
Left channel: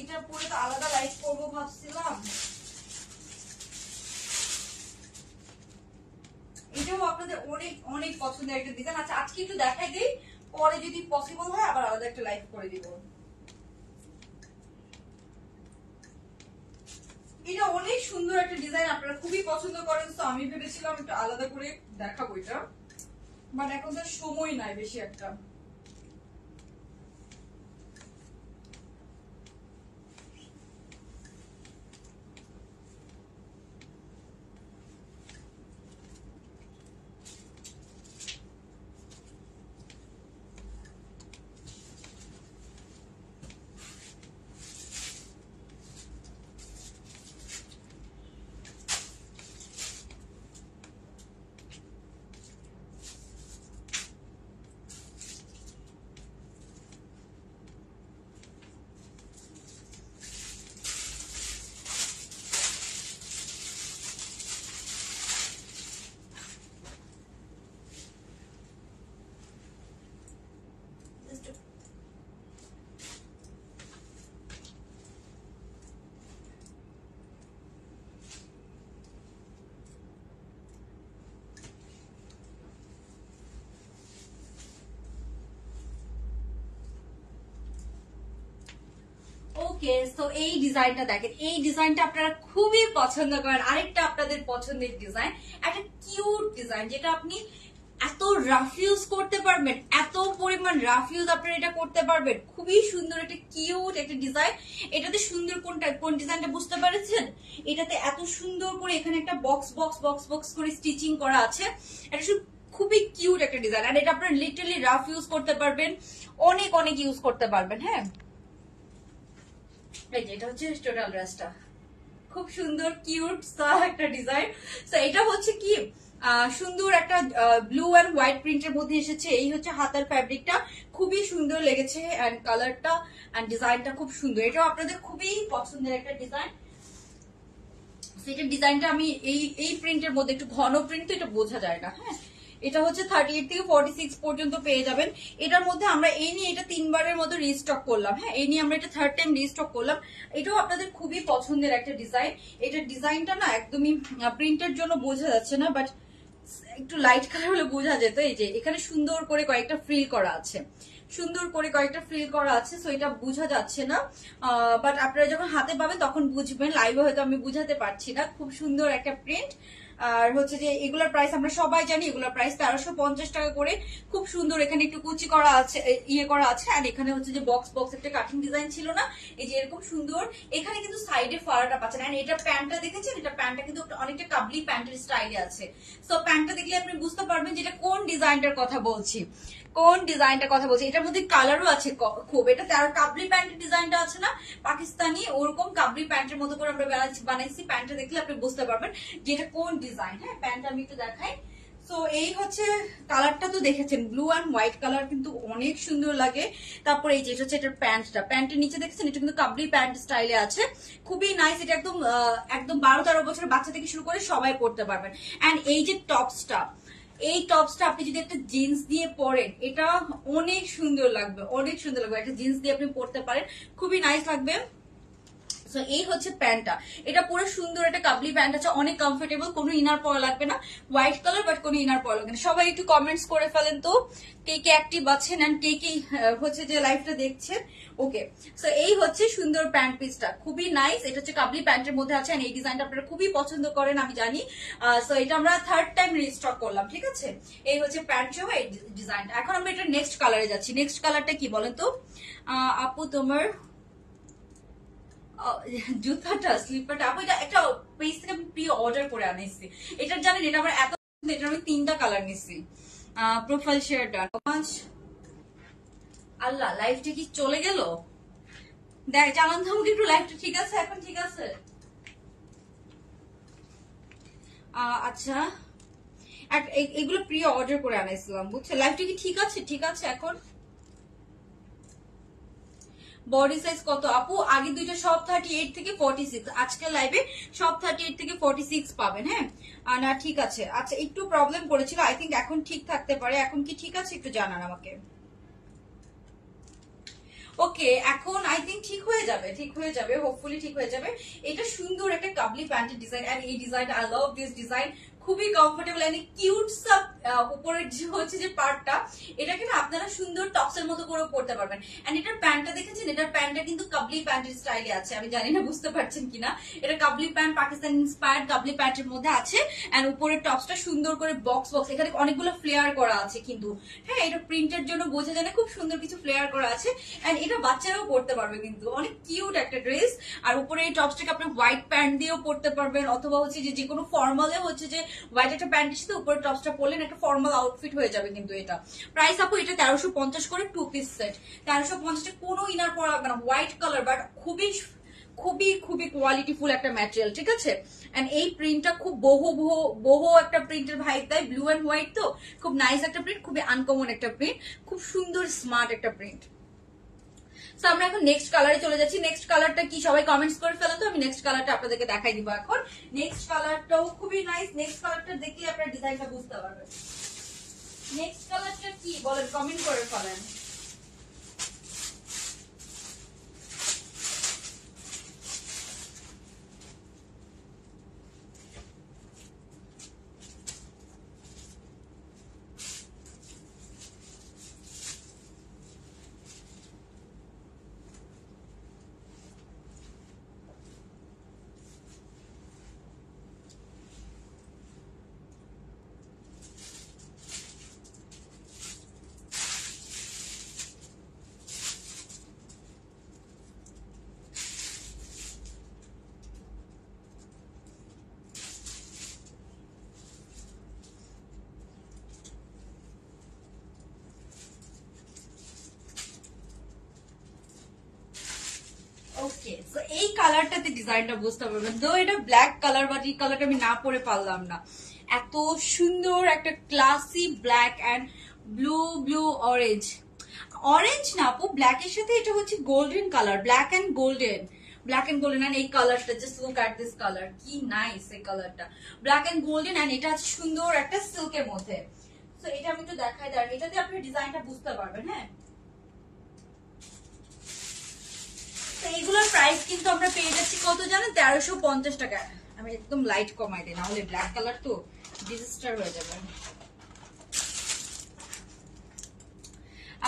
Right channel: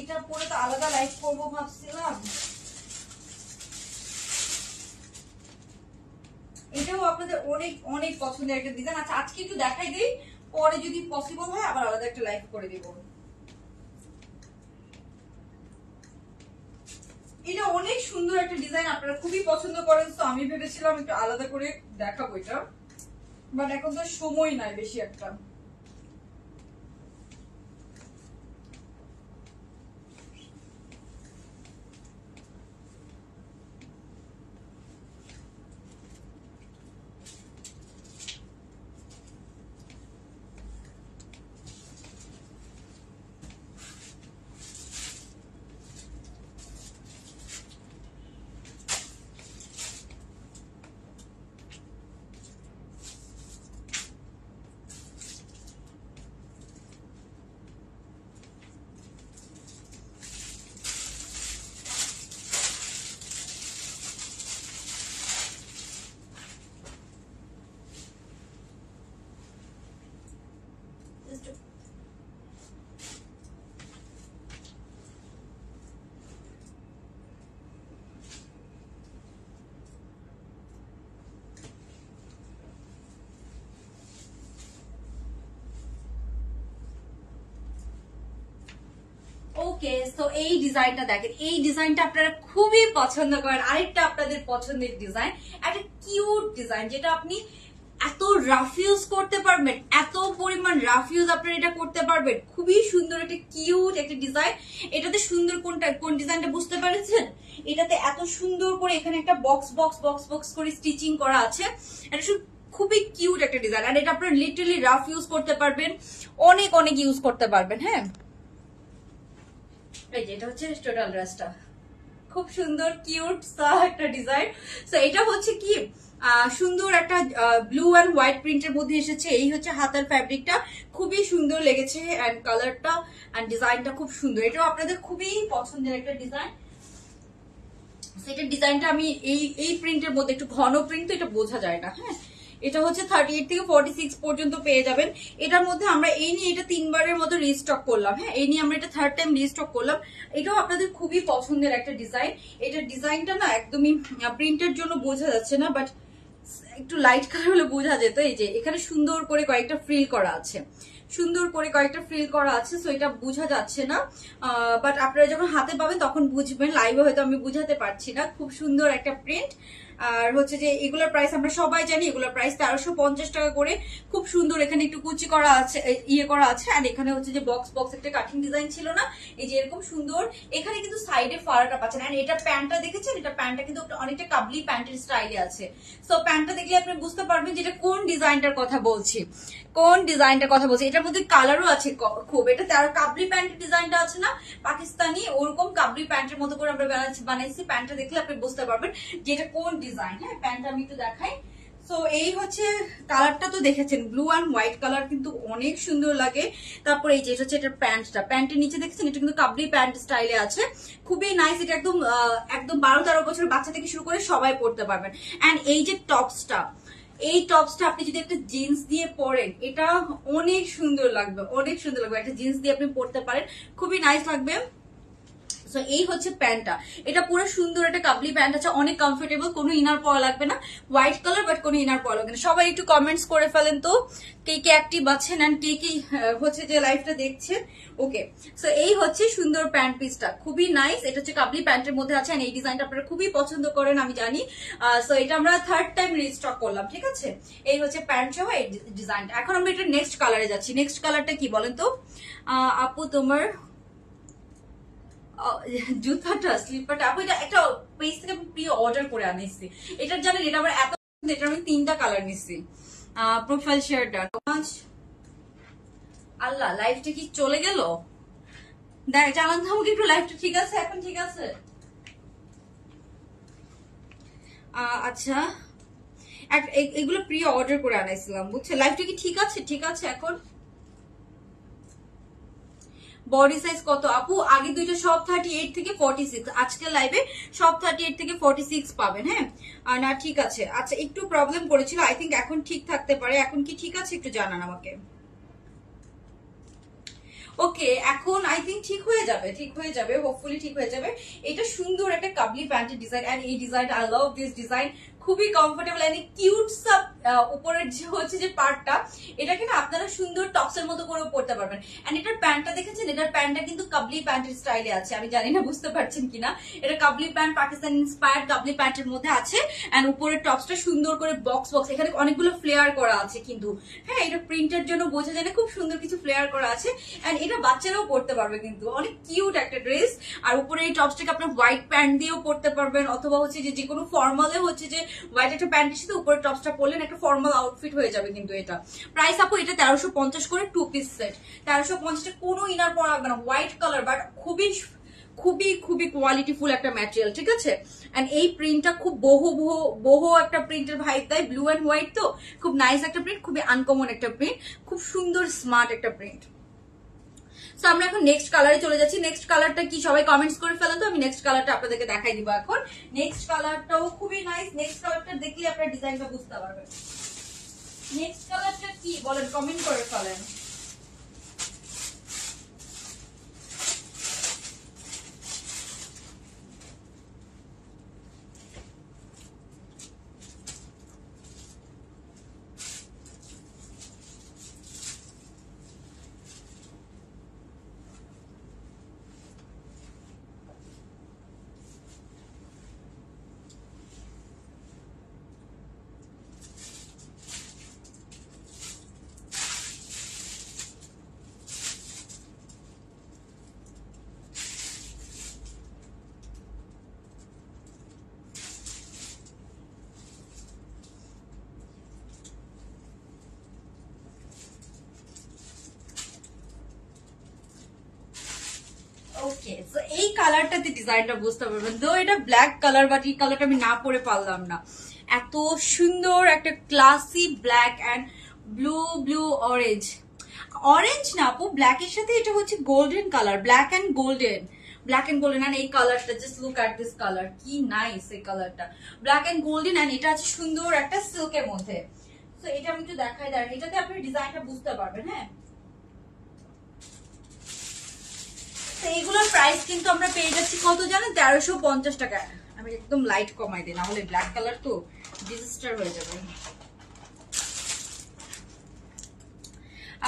এটা পরে তো আলাদা লাইফ করবো ভাবছিলাম। এটাও আপনাদের অনেক অনেক পছন্দের একটা ডিজাইন। আচ্ছা আজকে একটু দেখাই দিই, পরে যদি পসিবল হয় আবার আলাদা একটা লাইফ করে দিব। এটা অনেক সুন্দর একটা ডিজাইন, আপনারা খুবই পছন্দ করেন, তো আমি ভেবেছিলাম একটু আলাদা করে দেখাবো এটা, বাট এখন তো সময় নাই বেশি একটা। ওকে, সো এই ডিজাইনটা দেখেন, এই ডিজাইনটা আপনারা খুবই পছন্দ করেন। আরেকটা আপনাদের পছন্দের ডিজাইন, একটা কিউট ডিজাইন, যেটা আপনি এত রাফ ইউজ করতে পারবেন, এত পরিমাণ রাফ ইউজ আপনারা এটা করতে পারবেন। খুবই সুন্দর একটা কিউট একটা ডিজাইন। এটাতে সুন্দর কোন ডিজাইনটা বুঝতে পেরেছেন? এটাতে এত সুন্দর করে এখানে একটা বক্স বক্স বক্স বক্স করে স্টিচিং করা আছে। এটা খুবই কিউট একটা ডিজাইন, আর এটা আপনারা লিটারালি রাফ ইউজ করতে পারবেন, অনেক অনেক ইউজ করতে পারবেন। হ্যাঁ, এটা হচ্ছে টোটাল ড্রেসটা, খুব সুন্দর কিউট একটা ডিজাইন। তো এটা হচ্ছে কি সুন্দর একটা ব্লু এন্ড হোয়াইট প্রিন্টের মধ্যে এসেছে। এই হচ্ছে হাতার ফ্যাব্রিকটা, খুবই সুন্দর লেগেছে, এন্ড কালারটা এন্ড ডিজাইনটা খুব সুন্দর। এটাও আপনাদের খুবই পছন্দের একটা ডিজাইন। সেটার ডিজাইনটা আমি এই প্রিন্টের মধ্যে, একটু ঘন প্রিন্ট তো এটা বোঝা যায় না। হ্যাঁ, এটা হচ্ছে 38 থেকে 46 পর্যন্ত পেয়ে যাবেন। এটার মধ্যে আমরা এই নিয়ে এটা 3 বারের মতো রিস্টক করলাম। হ্যাঁ, এই নিয়ে আমরা এটা 3rd টাইম রিস্টক করলাম। এটাও আপনাদের খুবই পছন্দের একটা ডিজাইন। এটার ডিজাইনটা না একদমই প্রিন্টের জন্য বোঝা যাচ্ছে না, বাট একটু লাইট কালার হলে বোঝা যেত। এই যে এখানে সুন্দর করে কয়েকটা ফ্রিল করা আছে, সুন্দর করে কয়েকটা ফ্রিল করা আছে, সো এটা বোঝা যাচ্ছে না, বাট আপনারা যখন হাতে পাবেন তখন বুঝবেন। লাইভে হয়তো আমি বুঝাতে পারছি না। খুব সুন্দর একটা প্রিন্ট। আর হচ্ছে যে এগুলোর প্রাইস আমরা সবাই জানি, এগুলোর প্রাইস 1350 টাকা করে। খুব সুন্দর, এখানে একটু কুচি করা আছে, ইয়ে করা আছে, আর এখানে হচ্ছে যে বক্স বক্স একটা কাটিং ডিজাইন ছিল না, এই যে এরকম সুন্দর। এখানে কিন্তু সাইডে ফাড়াটা পাচ্ছেন। আর এটা প্যান্টটা দেখেছেন, এটা প্যান্টটা কিন্তু অনেকটা কাবলি প্যান্টের স্টাইলে আছে। সো প্যান্টটা দেখলে আপনি বুঝতে পারবেন যেটা কোন ডিজাইনটার কথা বলছি, কোন ডিজাইনটার কথা বলছি। এটার মধ্যে কালারও আছে খুব। এটা কাবলি প্যান্টের ডিজাইনটা আছে না পাকিস্তানি, ওরকম কাবলি প্যান্টের মতো করে আমরা বানাইছি। প্যান্টটা দেখলে আপনি বুঝতে পারবেন যে এটা কোন ডিজাইন। হ্যাঁ, প্যান্টটা আমি একটু দেখাই। তো এই হচ্ছে কালারটা তো দেখেছেন, ব্লু অ্যান্ড হোয়াইট কালার, কিন্তু অনেক সুন্দর লাগে। তারপরে এই যে এটা হচ্ছে এটার প্যান্টটা, প্যান্টের নিচে দেখেছেন এটা কিন্তু কাবলি প্যান্ট স্টাইলে আছে, খুবই নাইস। এটা একদম একদম 12-13 বছরের বাচ্চা থেকে শুরু করে সবাই পড়তে পারবেন। অ্যান্ড এই যে টপসটা, এই টপসটা আপনি যদি একটা জিন্স দিয়ে পরেন, এটা অনেক সুন্দর লাগবে, অনেক সুন্দর লাগবে। একটা জিন্স দিয়ে আপনি পরতে পারেন, খুবই নাইস লাগবে। সো এই হচ্ছে প্যান্টটা, এটা পুরো সুন্দর একটা কাবলি প্যান্ট আছে, অনেক কমফোর্টেবল, কোনো ইনার পরা লাগবে না। হোয়াইট কালার, বাট কোনো ইনার পরা লাগবে না। সবাই একটু কমেন্টস করে ফেলেন তো কে কে অ্যাক্টিভ আছেন এন্ড কে কি হচ্ছে যে লাইভটা দেখছেন। ওকে, সো এই হচ্ছে সুন্দর প্যান্ট পিসটা, খুবই নাইস। এটা হচ্ছে কাবলি প্যান্টের মধ্যে আছে, এই ডিজাইনটা আপনারা খুবই পছন্দ করেন আমি জানি। সো এটা আমরা 3rd টাইম রিস্টক করলাম, ঠিক আছে। এই হচ্ছে প্যান্ট সহ এই ডিজাইনটা। এখন আমরা এটা নেক্সট কালারে যাচ্ছি। নেক্সট কালারটা কি বলেন তো আপু? তোমার জুতাটা স্লিপারটা আপু এটা একটা পেজ থেকে আমি প্রি অর্ডার করে আনিছি। এটার জানেন এটা আমার এত, এটা আমি 3টা কালার নিচ্ছি। প্রোফাইল শেয়ারটা আল্লাহ লাইফটা কি চলে গেল? দেখ জানান তো আমাকে একটু, লাইফটা ঠিক আছে এখন? ঠিক আছে আচ্ছা, এগুলো প্রি অর্ডার করে আনাইছিলাম বুঝছে। লাইফটা কি ঠিক আছে? ঠিক আছে এখন? বডি সাইজ কত আপু? আগে দুইটা সব 38 থেকে 46, আজকে লাইভে সব 38 থেকে 46 পাবেন। হ্যাঁ না ঠিক আছে। আচ্ছা একটু প্রবলেম করেছিল, আই থিঙ্ক এখন ঠিক থাকতে পারে। এখন কি ঠিক আছে একটু জানান আমাকে। ওকে এখন আই থিঙ্ক ঠিক হয়ে যাবে, ঠিক হয়ে যাবে, হোপফুলি ঠিক হয়ে যাবে। এটা সুন্দর একটা কাবলি প্যান্টের ডিজাইন, এন্ড এই design I love this design, খুবই কমফোর্টেবল এন্ড কিউট সাব। উপরের যে হচ্ছে যে পার্টটা, এটাকে না আপনারা সুন্দর টপসের মতো করে পরতে পারবেন। এন্ড এটার প্যান্টটা দেখেছেন, এটার প্যান্টটা কিন্তু কাবলি প্যান্টের স্টাইলে আছে। আমি জানি না বুঝতে পারছেন কিনা, এটা কাবলি প্যান্ট, পাকিস্তান ইন্সপায়ার্ড কাবলি প্যান্টের মধ্যে আছে। এন্ড উপরের টপসটা সুন্দর করে বক্স বক্স, এখানে অনেকগুলো ফ্লেয়ার করা আছে কিন্তু। হ্যাঁ এটা প্রিন্টের জন্য বোঝা যায় না, খুব সুন্দর কিছু ফ্লেয়ার করা আছে। এন্ড এটা বাচ্চারাও পরতে পারবে কিন্তু, অনেক কিউট একটা ড্রেস। আর উপরে এই টপসটাকে আপনি হোয়াইট প্যান্ট দিয়েও পরতে পারবেন, অথবা হচ্ছে যে কোনো ফর্মালে হচ্ছে যে হোয়াইট একটা প্যান্টের সাথে উপরে টপসটা পরলেন, একটা ফর্মাল আউটফিট হয়ে যাবে কিন্তু এটা। প্রাইস আপু এটা 1350 করে 2 পিস সেট। 1350 কোনো ইনার পরা লাগবে না, হোয়াইট কালার বাট খুবই খুবই খুবই কোয়ালিটিফুল একটা ম্যাটেরিয়াল, ঠিক আছে। এন্ড এই প্রিন্টটা খুব বহু একটা প্রিন্টের ভাইব দেয়, ব্লু এন্ড হোয়াইট তো খুব নাইস একটা প্রিন্ট, খুবই আনকমন একটা প্রিন্ট, খুব সুন্দর স্মার্ট একটা প্রিন্ট। সো আমরা এখন নেক্সট কালারে চলে যাচ্ছি। নেক্সট কালারটা কি সবাই কমেন্টস করে ফেলেন তো, আমি নেক্সট কালারটা আপনাদেরকে দেখাই দিব এখন। নেক্সট কালারটাও খুবই নাইস, নেক্সট কালারটা দেখলে আপনারা ডিজাইনটা বুঝতে পারবেন। নেক্সট কালারটা কি বলেন, কমেন্ট করে ফেলেন। ওকে সো এই কালারটাতে ডিজাইনটা বুঝতে পারবেন। তো এটা ব্ল্যাক কালার, বাট এই কালারটা আমি না পরে পারলাম না। এত সুন্দর একটা classy black and blue orange, orange না আপু, ব্ল্যাক এর সাথে এটা হচ্ছে golden colour, black and golden, black and golden. And এই কালারটা just look at this colour, কি নাইস এই কালারটা, ব্ল্যাক এন্ড গোল্ডেন। এন্ড এটা আছে সুন্দর একটা সিল্কের মধ্যে। তো এটা আমি একটু দেখাই দেন, এটাতে আপনি ডিজাইনটা বুঝতে পারবেন। হ্যাঁ তো এইগুলোর প্রাইস কিন্তু আমরা পেয়ে যাচ্ছি কত জানেন, 1350 টাকা। আমি একদম লাইট কমাই দিই, না হলে ব্ল্যাক কালার তো ডিজাস্টার হয়ে যাবে।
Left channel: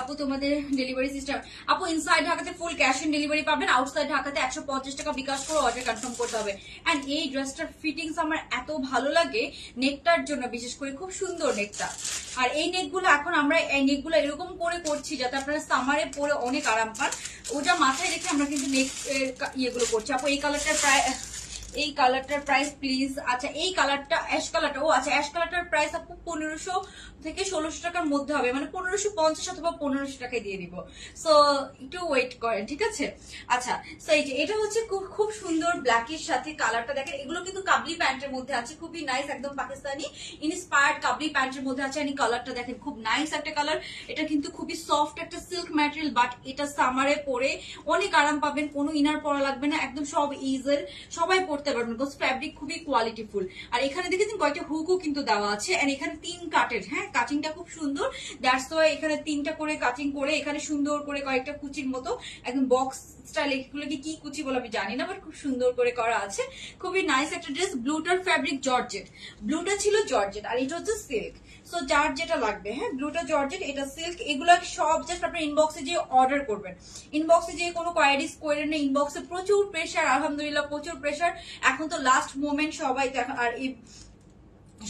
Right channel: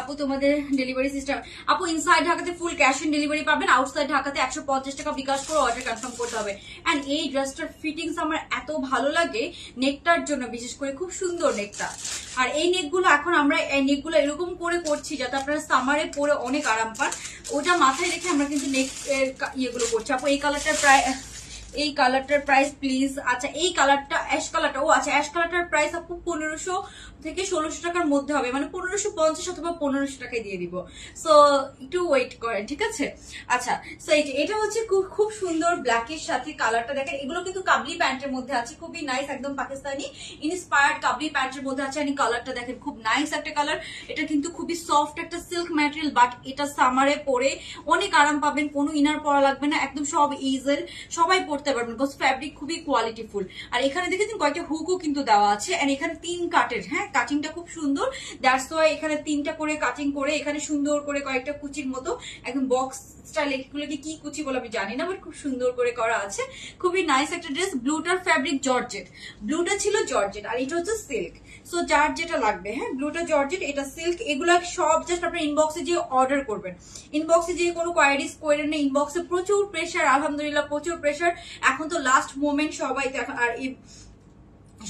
আপু তোমাদের ডেলিভারি সিস্টেম, আপু ইনসাইড ঢাকাতে ফুল ক্যাশ অন ডেলিভারি পাবেন, আউটসাইড ঢাকাতে 150 টাকা বিকাশ করে অর্ডার কনফার্ম করতে হবে। এন্ড এই ড্রেসটার ফিটিংস আমার এত ভালো লাগে, নেকটার জন্য বিশেষ করে, খুব সুন্দর নেকটা। আর এই নেকগুলো এখন আমরা এই নেকগুলো এরকম করে করছি যাতে আপনারা সামারে পরে অনেক আরাম পান, ওটা মাথায় রেখে আমরা কিন্তু নেক ইয়েগুলো করছি। আপু এই কালারটা প্রায়, এই কালারটার প্রাইস প্লিজ। আচ্ছা এই কালারটা অ্যাশ কালারটা, ও আচ্ছা অ্যাশ কালারটার প্রাইস আপু 1500 থেকে 1600 টাকার মধ্যে হবে, মানে 1550 অথবা 1500 টাকায় দিয়ে দিব। সো একটু ওয়েট করেন, ঠিক আছে। আচ্ছা সো এটা হচ্ছে খুব সুন্দর ব্ল্যাকের সাথে কালারটা দেখেন, এগুলো কিন্তু কাবলি প্যান্টের মধ্যে আছে, খুবই নাইস, একদম পাকিস্তানি ইন্সপায়ার্ড কাবলি প্যান্টের মধ্যে আছে। এই কালারটা দেখেন খুব নাইস একটা কালার, এটা কিন্তু খুবই সফট একটা সিল্ক ম্যাটেরিয়াল, বাট এটা সামারে পরে অনেক আরাম পাবেন, কোনো ইনার পরা লাগবে না, একদম সব ইজেল, সবাই পরতে পারবেন, বিকজ ফ্যাব্রিক খুবই কোয়ালিটিফুল। আর এখানে দেখেছেন কয়েকটা হুকও কিন্তু দেওয়া আছে, এন্ড এখানে 3 কাটের, হ্যাঁ কাটিংটা খুব সুন্দর, দ্যাটস ওয়াই এখানে 3টা করে কাটিং করে, এখানে সুন্দর করে কয়েকটা কুচির মতো একদম বক্স স্টাইল, এগুলোকে কি কুচি বলে আমি জানি না, বাট খুব সুন্দর করে করা আছে, খুবই নাইস একটা ড্রেস। ব্লুটার ফ্যাব্রিক জর্জেট, ব্লুটা ছিল জর্জেট আর এটা হচ্ছে সিল্ক। সো যার যেটা লাগবে, হ্যাঁ ব্লুটা জর্জেট, এটা সিল্ক, এগুলো সব জাস্ট আপনার ইনবক্সে যে অর্ডার করবেন, ইনবক্সে যে কোনো কোয়ারিজ করেন না, ইনবক্সে প্রচুর প্রেশার, আলহামদুলিল্লাহ প্রচুর প্রেশার। এখন তো লাস্ট মোমেন্ট সবাই, আর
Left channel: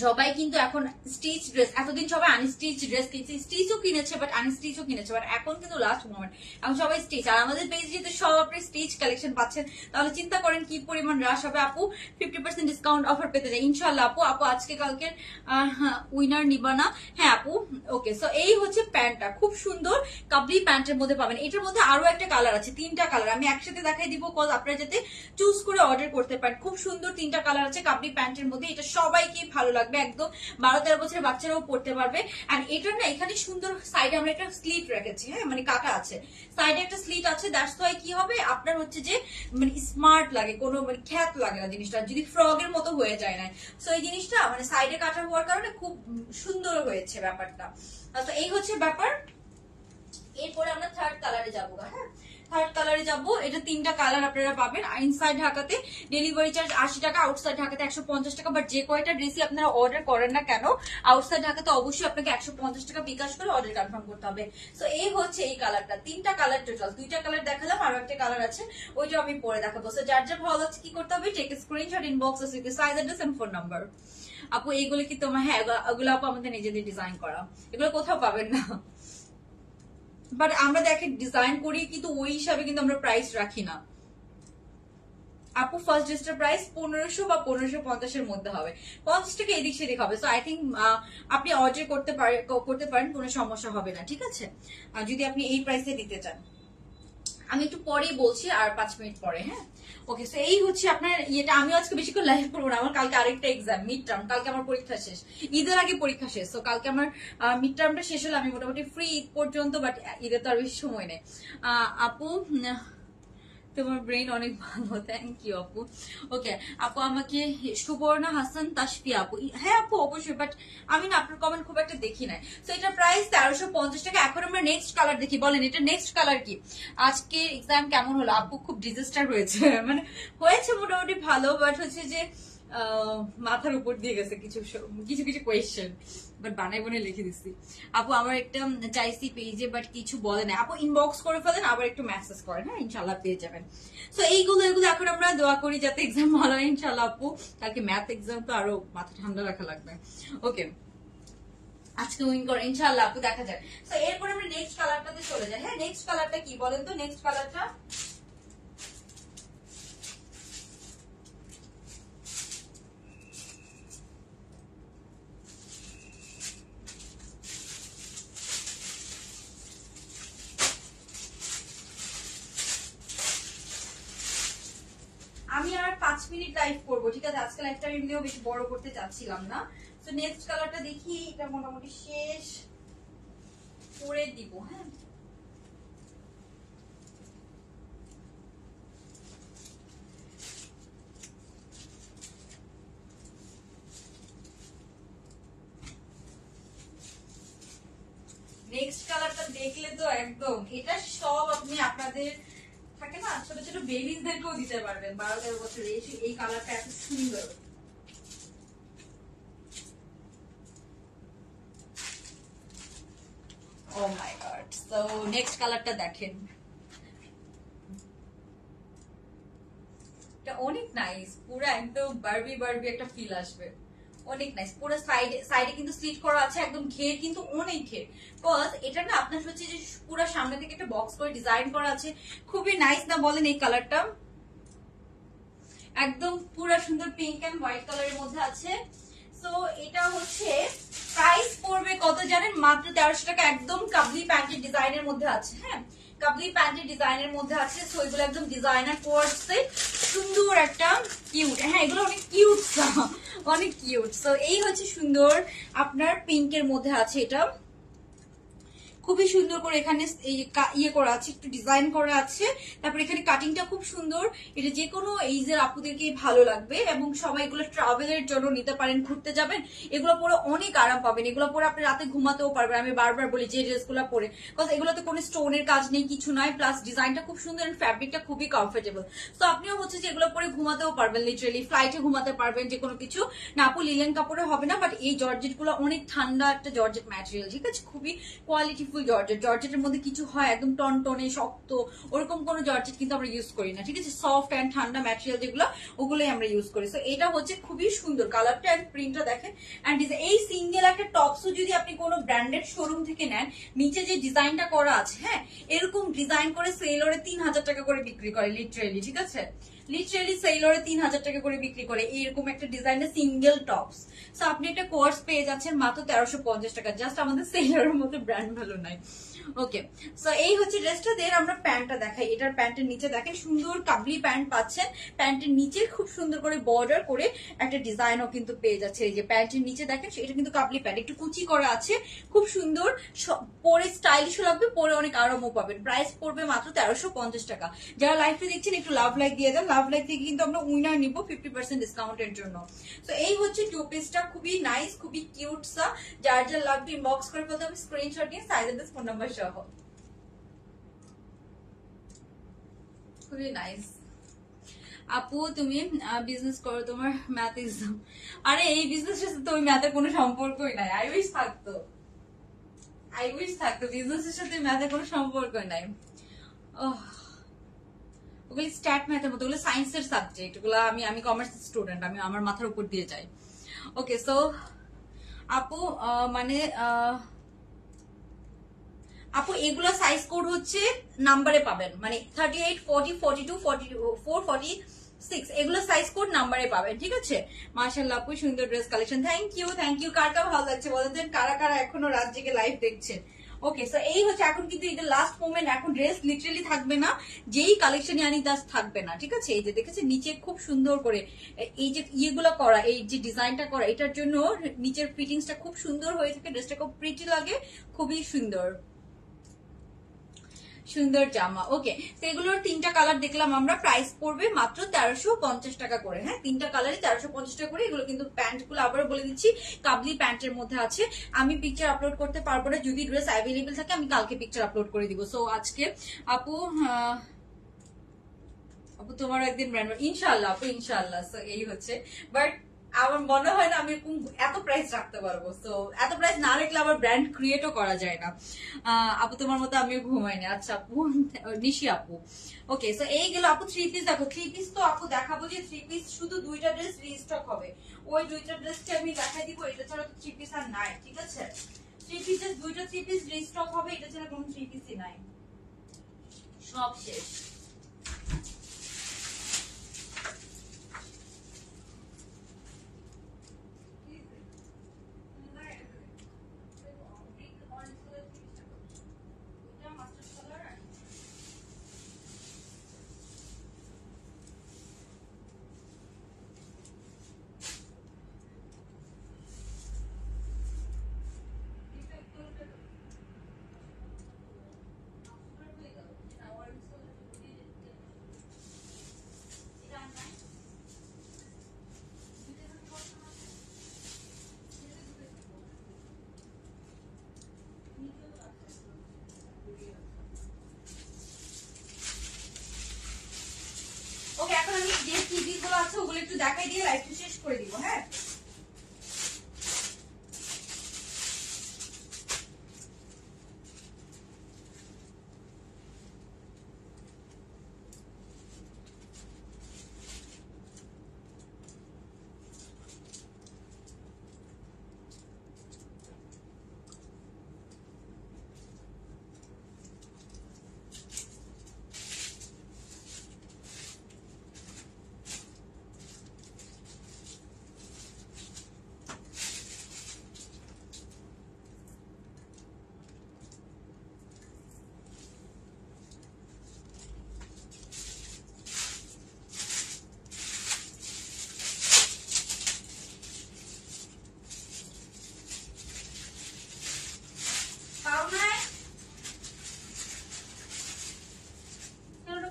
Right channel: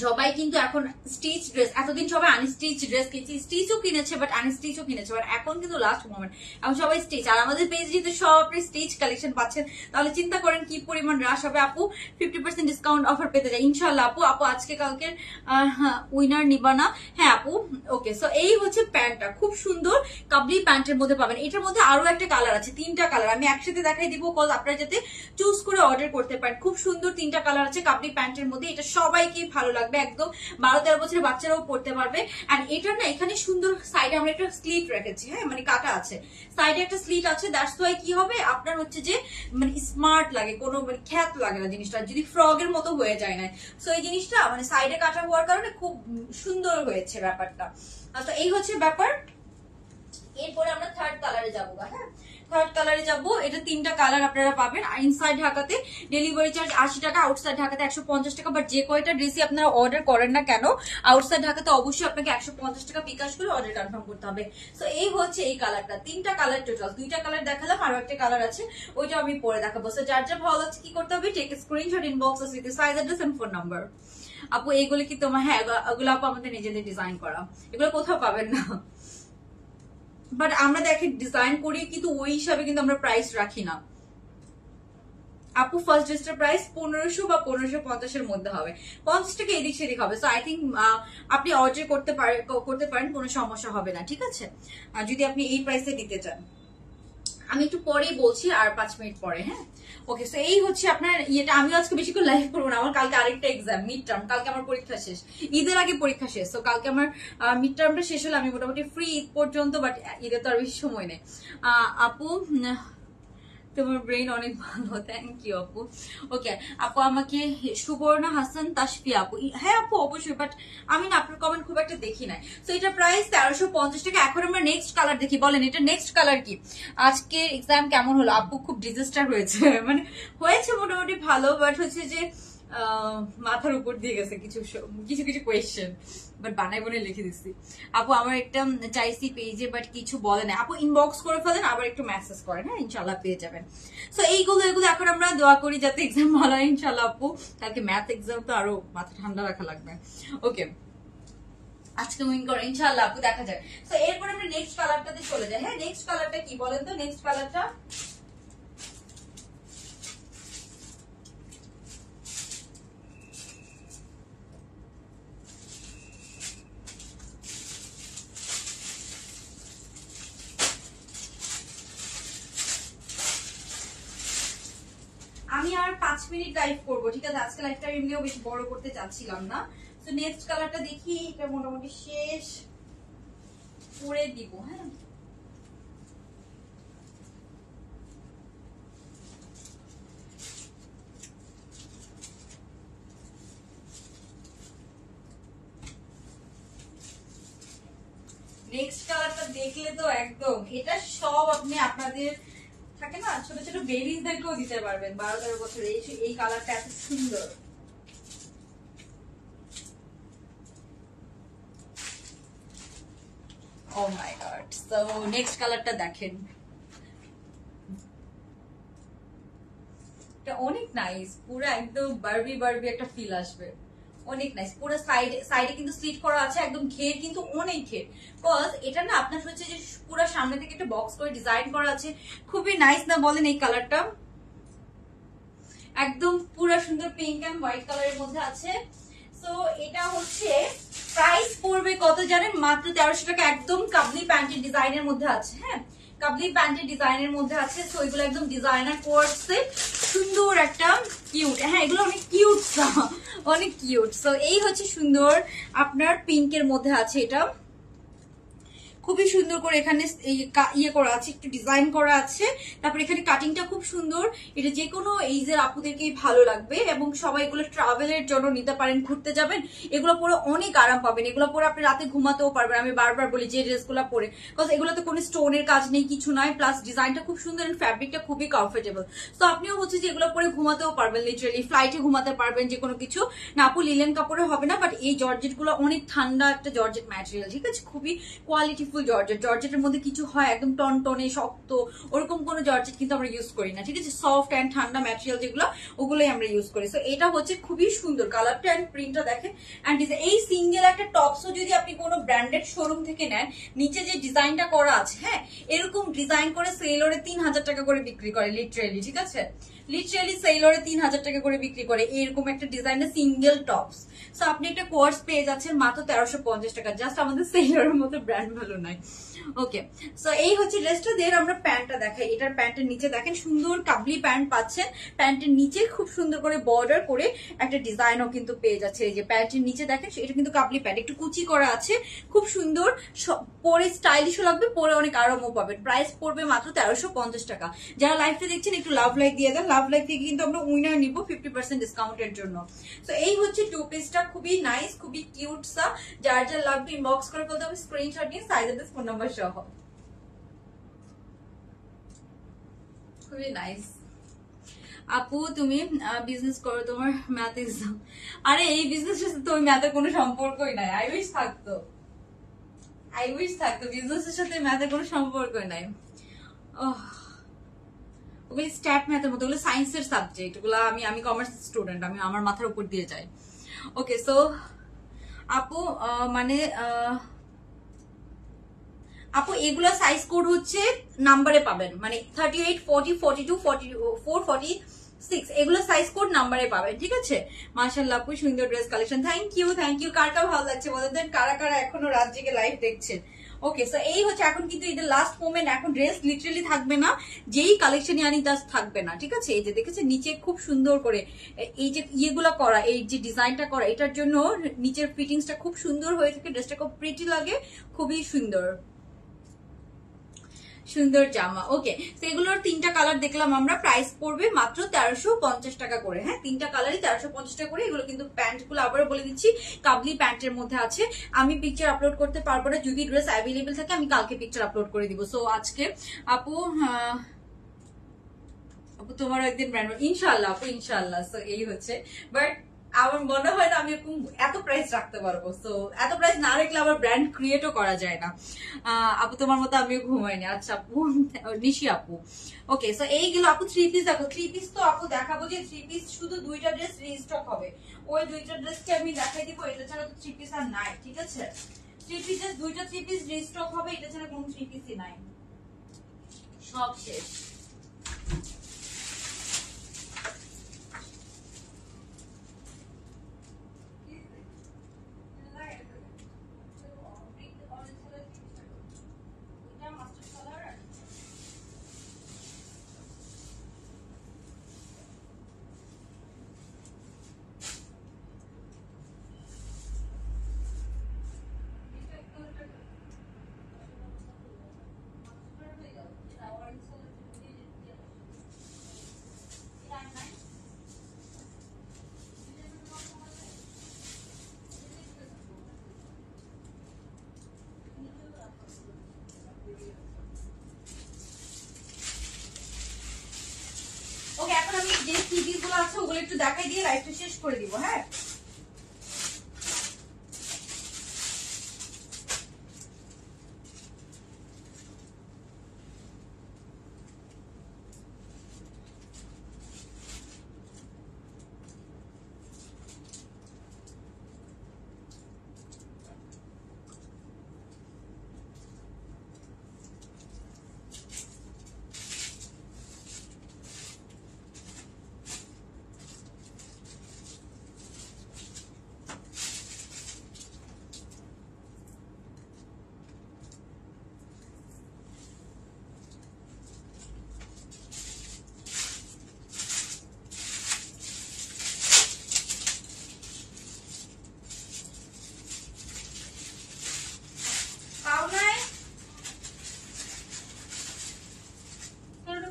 সবাই কিন্তু এখন স্টিচ ড্রেস, এতদিন সবাই আনস্টিচ ড্রেস কিনেছে, স্টিচও কিনেছে বাট আনস্টিচও কিনেছে, বাট এখন কিন্তু লাস্ট মোমেন্ট এখন সবাই স্টিচ। আর আমাদের পেজ যদি সব আপনি স্টিচ কালেকশন পাচ্ছেন তাহলে চিন্তা করেন কি পরিমাণ রাশ হবে। আপু 50% ডিসকাউন্ট অফার পেতে যায় ইনশাল্লাহ। আপু আপু আজকে কালকে উইনার নিবা না? হ্যাঁ আপু ওকে। সো এই হচ্ছে প্যান্টটা, খুব সুন্দর কাবলি প্যান্টের মধ্যে পাবেন। এটার মধ্যে আরো একটা কালার আছে, 3টা কালার আমি একসাথে দেখাই দিব কজ আপনারা যাতে চুজ করে অর্ডার করতে পারেন। খুব সুন্দর 3টা কালার আছে কাবলি প্যান্টের মধ্যে, এটা সবাইকে ভালো লাগবে, একদম 12-13 বছরের বাচ্চারাও পড়তে পারবে। এন্ড এটা না এখানে সুন্দর সাইডে আমরা একটা স্লিট রেখেছি, হ্যাঁ মানে কাটা আছে, সাইডে একটা স্লিট আছে, দ্যাটস ওয়াই কি হবে আপনার হচ্ছে যে মানে স্মার্ট লাগে, কোনো মানে খ্যাত লাগে না জিনিসটা, যদি ফ্রগের মতো হয়ে যায় না। সো এই জিনিসটা মানে সাইডে কাটা হওয়ার কারণে খুব সুন্দর হয়েছে ব্যাপারটা। আচ্ছা এই হচ্ছে ব্যাপার। এরপরে আমরা থার্ড কালারে যাবো। হ্যাঁ থার্ড কালারে যাবো, এটা 3টা কালার আপনারা পাবেন। ইনসাইড ঢাকাতে ডেলিভারি চার্জ 80 টাকা, আউটসাইড ঢাকাতে 150 টাকা। বাট যে কয়টা ড্রেসই আপনারা অর্ডার করেন না কেন আউটসাইড ঢাকাতে অবশ্যই আপনাকে 150 টাকা বিকাশ করে অর্ডার কনফার্ম করতে হবে। তো এই হচ্ছে এই কালারটা, 3টা কালার টোটাল, 2টা কালার দেখালাম, আরো একটা কালার আছে ওইটা আমি পরে দেখাবো। তো যার যা ভালো লাগছে কি করতে হবে, take screenshot, inbox with size address and phone number. আপু এইগুলো কি তোমার? হ্যাঁ এগুলো আপু আমাদের নিজেদের ডিজাইন করা, এগুলো কোথাও পাবেন না। বাট আমরা দেখে ডিজাইন করি কিন্তু ওই হিসাবে কিন্তু আমরা প্রাইস রাখি না। আপু ফার্স্ট ড্রেসটার প্রাইস 1500 বা 1550 মধ্যে হবে, 50 টাকা এদিক সেদিক হবে। সো আই থিঙ্ক আপনি অর্ডার করতে পারেন, কোনো সমস্যা হবে না, ঠিক আছে? আর যদি আপনি এই প্রাইসে নিতে চান, আমি একটু পরেই বলছি, আর 5 মিনিট পরে। হ্যাঁ ওকে। সো এই হচ্ছে আপনার ইয়েটা। আমিও আজকে বেশি করে লাইভ করবো না, আমার কালকে আরেকটা এক্সাম মিড টার্ম, কালকে আমার পরীক্ষা শেষ, ঈদের আগে পরীক্ষা শেষ। তো কালকে আমার মিড টার্মটা শেষ হলে আমি মোটামুটি ফ্রি ঈদ পর্যন্ত, বাট ঈদের তো আর বেশি সময় নেই। আপু তোমার ব্রেইন অনেক ভালো, থ্যাংক ইউ আপু। ওকে আপু আমাকে সুবর্ণা হাসান তাসফিয়া আপু, হ্যাঁ আপু অবশ্যই, বাট আমি না আপনার কমেন্ট খুব একটা দেখি নাই। তো এটা প্রাইস 1350 টাকা। এখন আমরা নেক্সট কালার দেখি, বলেন এটা নেক্সট কালার কি? আজকে এক্সাম কেমন হলো আপু? খুব ডিজাস্টার হয়েছে, মানে হয়েছে মোটামুটি ভালো, বাট হচ্ছে যে মাথার উপর দিয়ে গেছে কিছু কিছু কোয়েশ্চেন, বাট বানাই বনে লিখে দিচ্ছি। আপু আমার একটা চাইছি পেজে বাট কিছু বলে না। আপু ইনবক্স করে ফেলেন, আবার একটু মেসেজ করেন, হ্যাঁ ইনশাল্লাহ পেয়ে যাবেন। তো এগুলো এখন আমরা দোয়া করি যাতে এক্সাম ভালো হয় ইনশাল্লাহ। আপু কালকে ম্যাথ এক্সাম, তো আরো মাথা ঠান্ডা রাখা লাগবে। ওকে আজকে উইন করে ইনশাল্লাহ আপু, দেখা যায়। তো এরপর আমরা নেক্সট কালারটাতে চলে যাই। হ্যাঁ নেক্সট কালারটা কি বলেন তো? নেক্সট কালারটা আমি আর 5 মিনিট লাইভ করবো, ঠিক আছে? আজকে লাইভটা এমনিও বেশি বড় করতে চাচ্ছিলাম না। তো নেক্সট কালারটা দেখি, এটা মোটামুটি শেষ করে দিব। হ্যাঁ নেক্সট কালারটা দেখলে তো একদম এটা সব আপনি আপনাদের থাকে না ছোট ছোট বেবিজদেরকেও দিতে পারবেন, 12-13 বছর। এই কালারটা এত সুন্দর। ও মাই গড। তো নেক্সট কালারটা দেখেন, এটা অনেক নাইস, পুরো একদম বারবি একটা ফিল আসবে, অনেক নাইস। পুরো সাইডে কিন্তু স্লিট করা আছে, একদম ঘের কিন্তু অনেক ঘের। বিকজ এটা না আপনার হচ্ছে যে পুরো সামনে থেকে একটা বক্স করে ডিজাইন করা আছে, খুবই নাইস না বলেন? এই কালারটা একদম পুরো সুন্দর পিঙ্ক এন্ড হোয়াইট কালারের মধ্যে আছে। সো এটা হচ্ছে প্রাইস পড়বে কত জানেন? মাত্র 1300 টাকা। একদম কাবলি প্যান্টের ডিজাইনের মধ্যে আছে। হ্যাঁ কাবলি প্যান্টের ডিজাইনের মধ্যে আছে। তো এগুলো একদম ডিজাইনার কোর্সে সুন্দর একটা কিউট। হ্যাঁ এগুলো অনেক কিউট, অনেক কিউট। সো এই হচ্ছে সুন্দর আপনার পিঙ্কের মধ্যে আছে, এটা খুবই সুন্দর করে এখানে ইয়ে করা আছে, একটু ডিজাইন করা আছে। তারপর এখানে কাটিংটা খুব সুন্দর, এটা যে কোনো এইজের আপুদেরকেই ভালো লাগবে। এবং সবাই এগুলো ট্রাভেলের জন্য নিতে পারেন, ঘুরতে যাবেন এগুলো পরে অনেক আরাম পাবেন। এগুলো পরে আপনি রাতে ঘুমাতেও পারবেন। আমি বারবার বলি যে ড্রেসগুলো পরে, কজ এগুলোতে কোনো স্টোনের কাজ নেই, কিছু নয়, প্লাস ডিজাইনটা খুব সুন্দর, ফ্যাব্রিকটা খুবই কমফোর্টেবল। তো আপনিও হচ্ছে যে এগুলো পরে ঘুমাতেও পারবেন, লিটারালি ফ্লাইটে ঘুমাতে পারবেন, যে কোনো কিছু না। আপু লিলেন কাপড়ে হবে না, বাট এই জর্জেট গুলো অনেক ঠান্ডা একটা জর্জেট ম্যাটেরিয়াল, ঠিক আছে? খুবই কোয়ালিটি বিউটিফুল জর্জেট। জর্জেটের মধ্যে কিছু হয় একদম টনটনে শক্ত, ওরকম কোনো জর্জেট কিন্তু আমরা ইউজ করি না, ঠিক আছে? সফট অ্যান্ড ঠান্ডা ম্যাটেরিয়াল যেগুলো, ওগুলোই আমরা ইউজ করি। সো এটা হচ্ছে খুবই সুন্দর কালারটা অ্যান্ড প্রিন্টটা দেখেন। অ্যান্ড এই সিঙ্গেল একটা টপসও যদি আপনি কোনো ব্র্যান্ডেড শোরুম থেকে নেন, নিচে যে ডিজাইনটা করা আছে, হ্যাঁ, এরকম ডিজাইন করে সেলরে 3000 টাকা করে বিক্রি করে লিটারেলি, ঠিক আছে? লিটারেলি সেলরে 3000 টাকা করে বিক্রি করে এইরকম একটা ডিজাইনের সিঙ্গেল টপস। সো আপনি একটা কোর্স পেয়ে যাচ্ছেন মাত্র 1350 টাকা। জাস্ট আমাদের সেলরের মতো ব্র্যান্ড ভালো নাই। ওকে, সো এই হচ্ছে ড্রেসটা। দেন আমরা প্যান্টটা দেখাই। এটার প্যান্টের নিচে দেখেন সুন্দর কাবলি প্যান্ট পাচ্ছেন। প্যান্টের নিচে খুব সুন্দর করে বর্ডার করে একটা ডিজাইনও কিন্তু পেয়ে যাচ্ছে। এই যে প্যান্টের নিচে দেখেন, এটা কিন্তু কাবলি প্যান্ট, একটু কুচি করা আছে, খুব সুন্দর, পরে স্টাইলিশও লাগবে, পরে অনেক আরামও পাবেন। প্রাইস পড়বে মাত্র 1350 টাকা। যারা লাইভটা দেখছেন একটু লাভ লাইক দিয়ে দেন। লাভ লাইক দিয়ে কিন্তু আমরা উইনার নিব 50% ডিসকাউন্টের জন্য। তো এই হচ্ছে টু পিসটা, খুবই নাইস, খুবই কিউট সা। যার যার লাগবে ইনবক্স করে ফেলতে হবে স্ক্রিনশট নিয়ে, সাইজ এন্ড ফোন নাম্বার সহ। খুবই নাইস। আপু তুমি বিজনেস করো, তোমার ম্যাথ এক্সাম। আরে এই বিজনেসের সাথে ওই ম্যাথের কোনো সম্পর্কই নাই। আই উইশ থাকতো, আই উইশ থাকতো, বিজনেসের সাথে ম্যাথের কোনো সম্পর্কই নাই। ওগুলো স্ট্যাট ম্যাথের মতো, ওগুলো সায়েন্সের সাবজেক্ট, ওগুলো আমি কমার্স স্টুডেন্ট, আমি আমার মাথার উপর দিয়ে যাই। ওকে, সো আপু মানে আপু এগুলা সাইজ কোড হচ্ছে নাম্বারে পাবেন, মানে 38, 40, 42, 44, 46 এগুলো সাইজ কোড নাম্বারে পাবেন, ঠিক আছে? মাশাআল্লাহ আপু সুন্দর dress collection. Thank you, thank you. কারটা ভালো লাগছে বলেন দেন, কারা কারা এখনো রাত জেগে লাইভ দেখছেন? ওকে, সো এই হচ্ছে এখন কিন্তু এটা লাস্ট মোমেন্ট, এখন ড্রেস লিটারালি থাকবে না, যেই কালেকশনই আনি তা থাকবে না, ঠিক আছে? এই যে দেখেছেন নিচে খুব সুন্দর করে এই যে ইয়েগুলো করা, এই যে ডিজাইনটা করা, এটার জন্য নিচের ফিটিংসটা খুব সুন্দর হয়ে থাকে, ড্রেসটা খুব প্রিটি লাগে, খুবই সুন্দর সুন্দর জামা। ওকে, তো এগুলোর তিনটা কালার দেখলাম আমরা। প্রাইস পড়বে মাত্র 1350 টাকা করে। হ্যাঁ, তিনটা কালারই 1350 টাকা করে। এগুলো কিন্তু প্যান্ট গুলো আবারও বলে দিচ্ছি কাবলি প্যান্টের মধ্যে আছে। আমি পিকচার আপলোড করতে পারবো না, যদি ড্রেস অ্যাভেলেবেল থাকে আমি কালকে পিকচার আপলোড করে দিব। সো আজকে আপু আপু তোমার একদিন ব্র্যান্ড, ইনশাল্লাহ আপু ইনশাল্লাহ। সো এই হচ্ছে, বাট আমার মনে হয় না আমি এত প্রাইস রাখতে পারবো। তো এত প্রাইস না রাখলে আবার ব্র্যান্ড ক্রিয়েটও করা যায় না। আপু তোমার মতো আমিও ঘুমাইনি। আচ্ছা আপু, নিশি আপু। ওকে, সো এইগুলো আপু থ্রি পিস দেখো। থ্রি পিস তো আপু দেখাবো যে থ্রি পিস শুধু দুইটা ড্রেস রিস্টক হবে, ওই দুইটা ড্রেসকে আমি দেখাই দিব। এটা ছাড়া তো থ্রি পিস আর নাই, ঠিক আছে? থ্রি পিসের দুইটা থ্রি পিস রিস্টক হবে, এটা ছাড়া কোনো থ্রি পিসই নাই, সব শেষ। ওকে, এখন আমি যে টিভি গুলো আছে ওগুলো একটু দেখাই দিয়ে লাইভটা শেষ করে দিব। হ্যাঁ,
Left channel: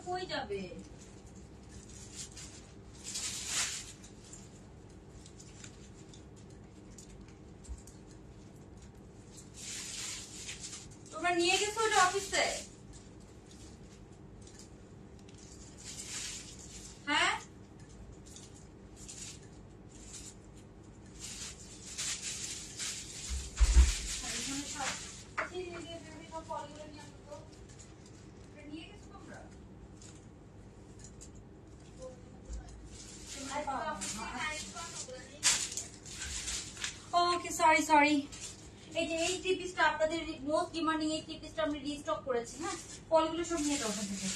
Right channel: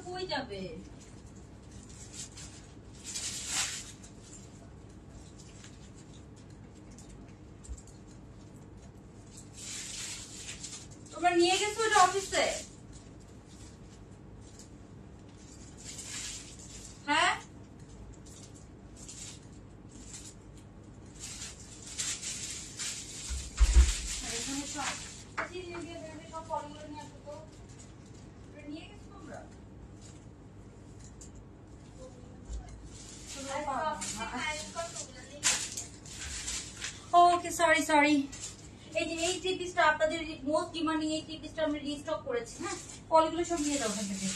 কই যাবে? তোমরা নিয়ে গেছো ওটা অফিসে? হ্যাঁ, সব সরি এই যে এই থ্রি পিসটা আপনাদের মোস্ট ডিমান্ডিং এই থ্রি পিসটা আমরা রিস্টক করেছি। হ্যাঁ, পলিগুলো সব নিয়ে যাও ওখান থেকে।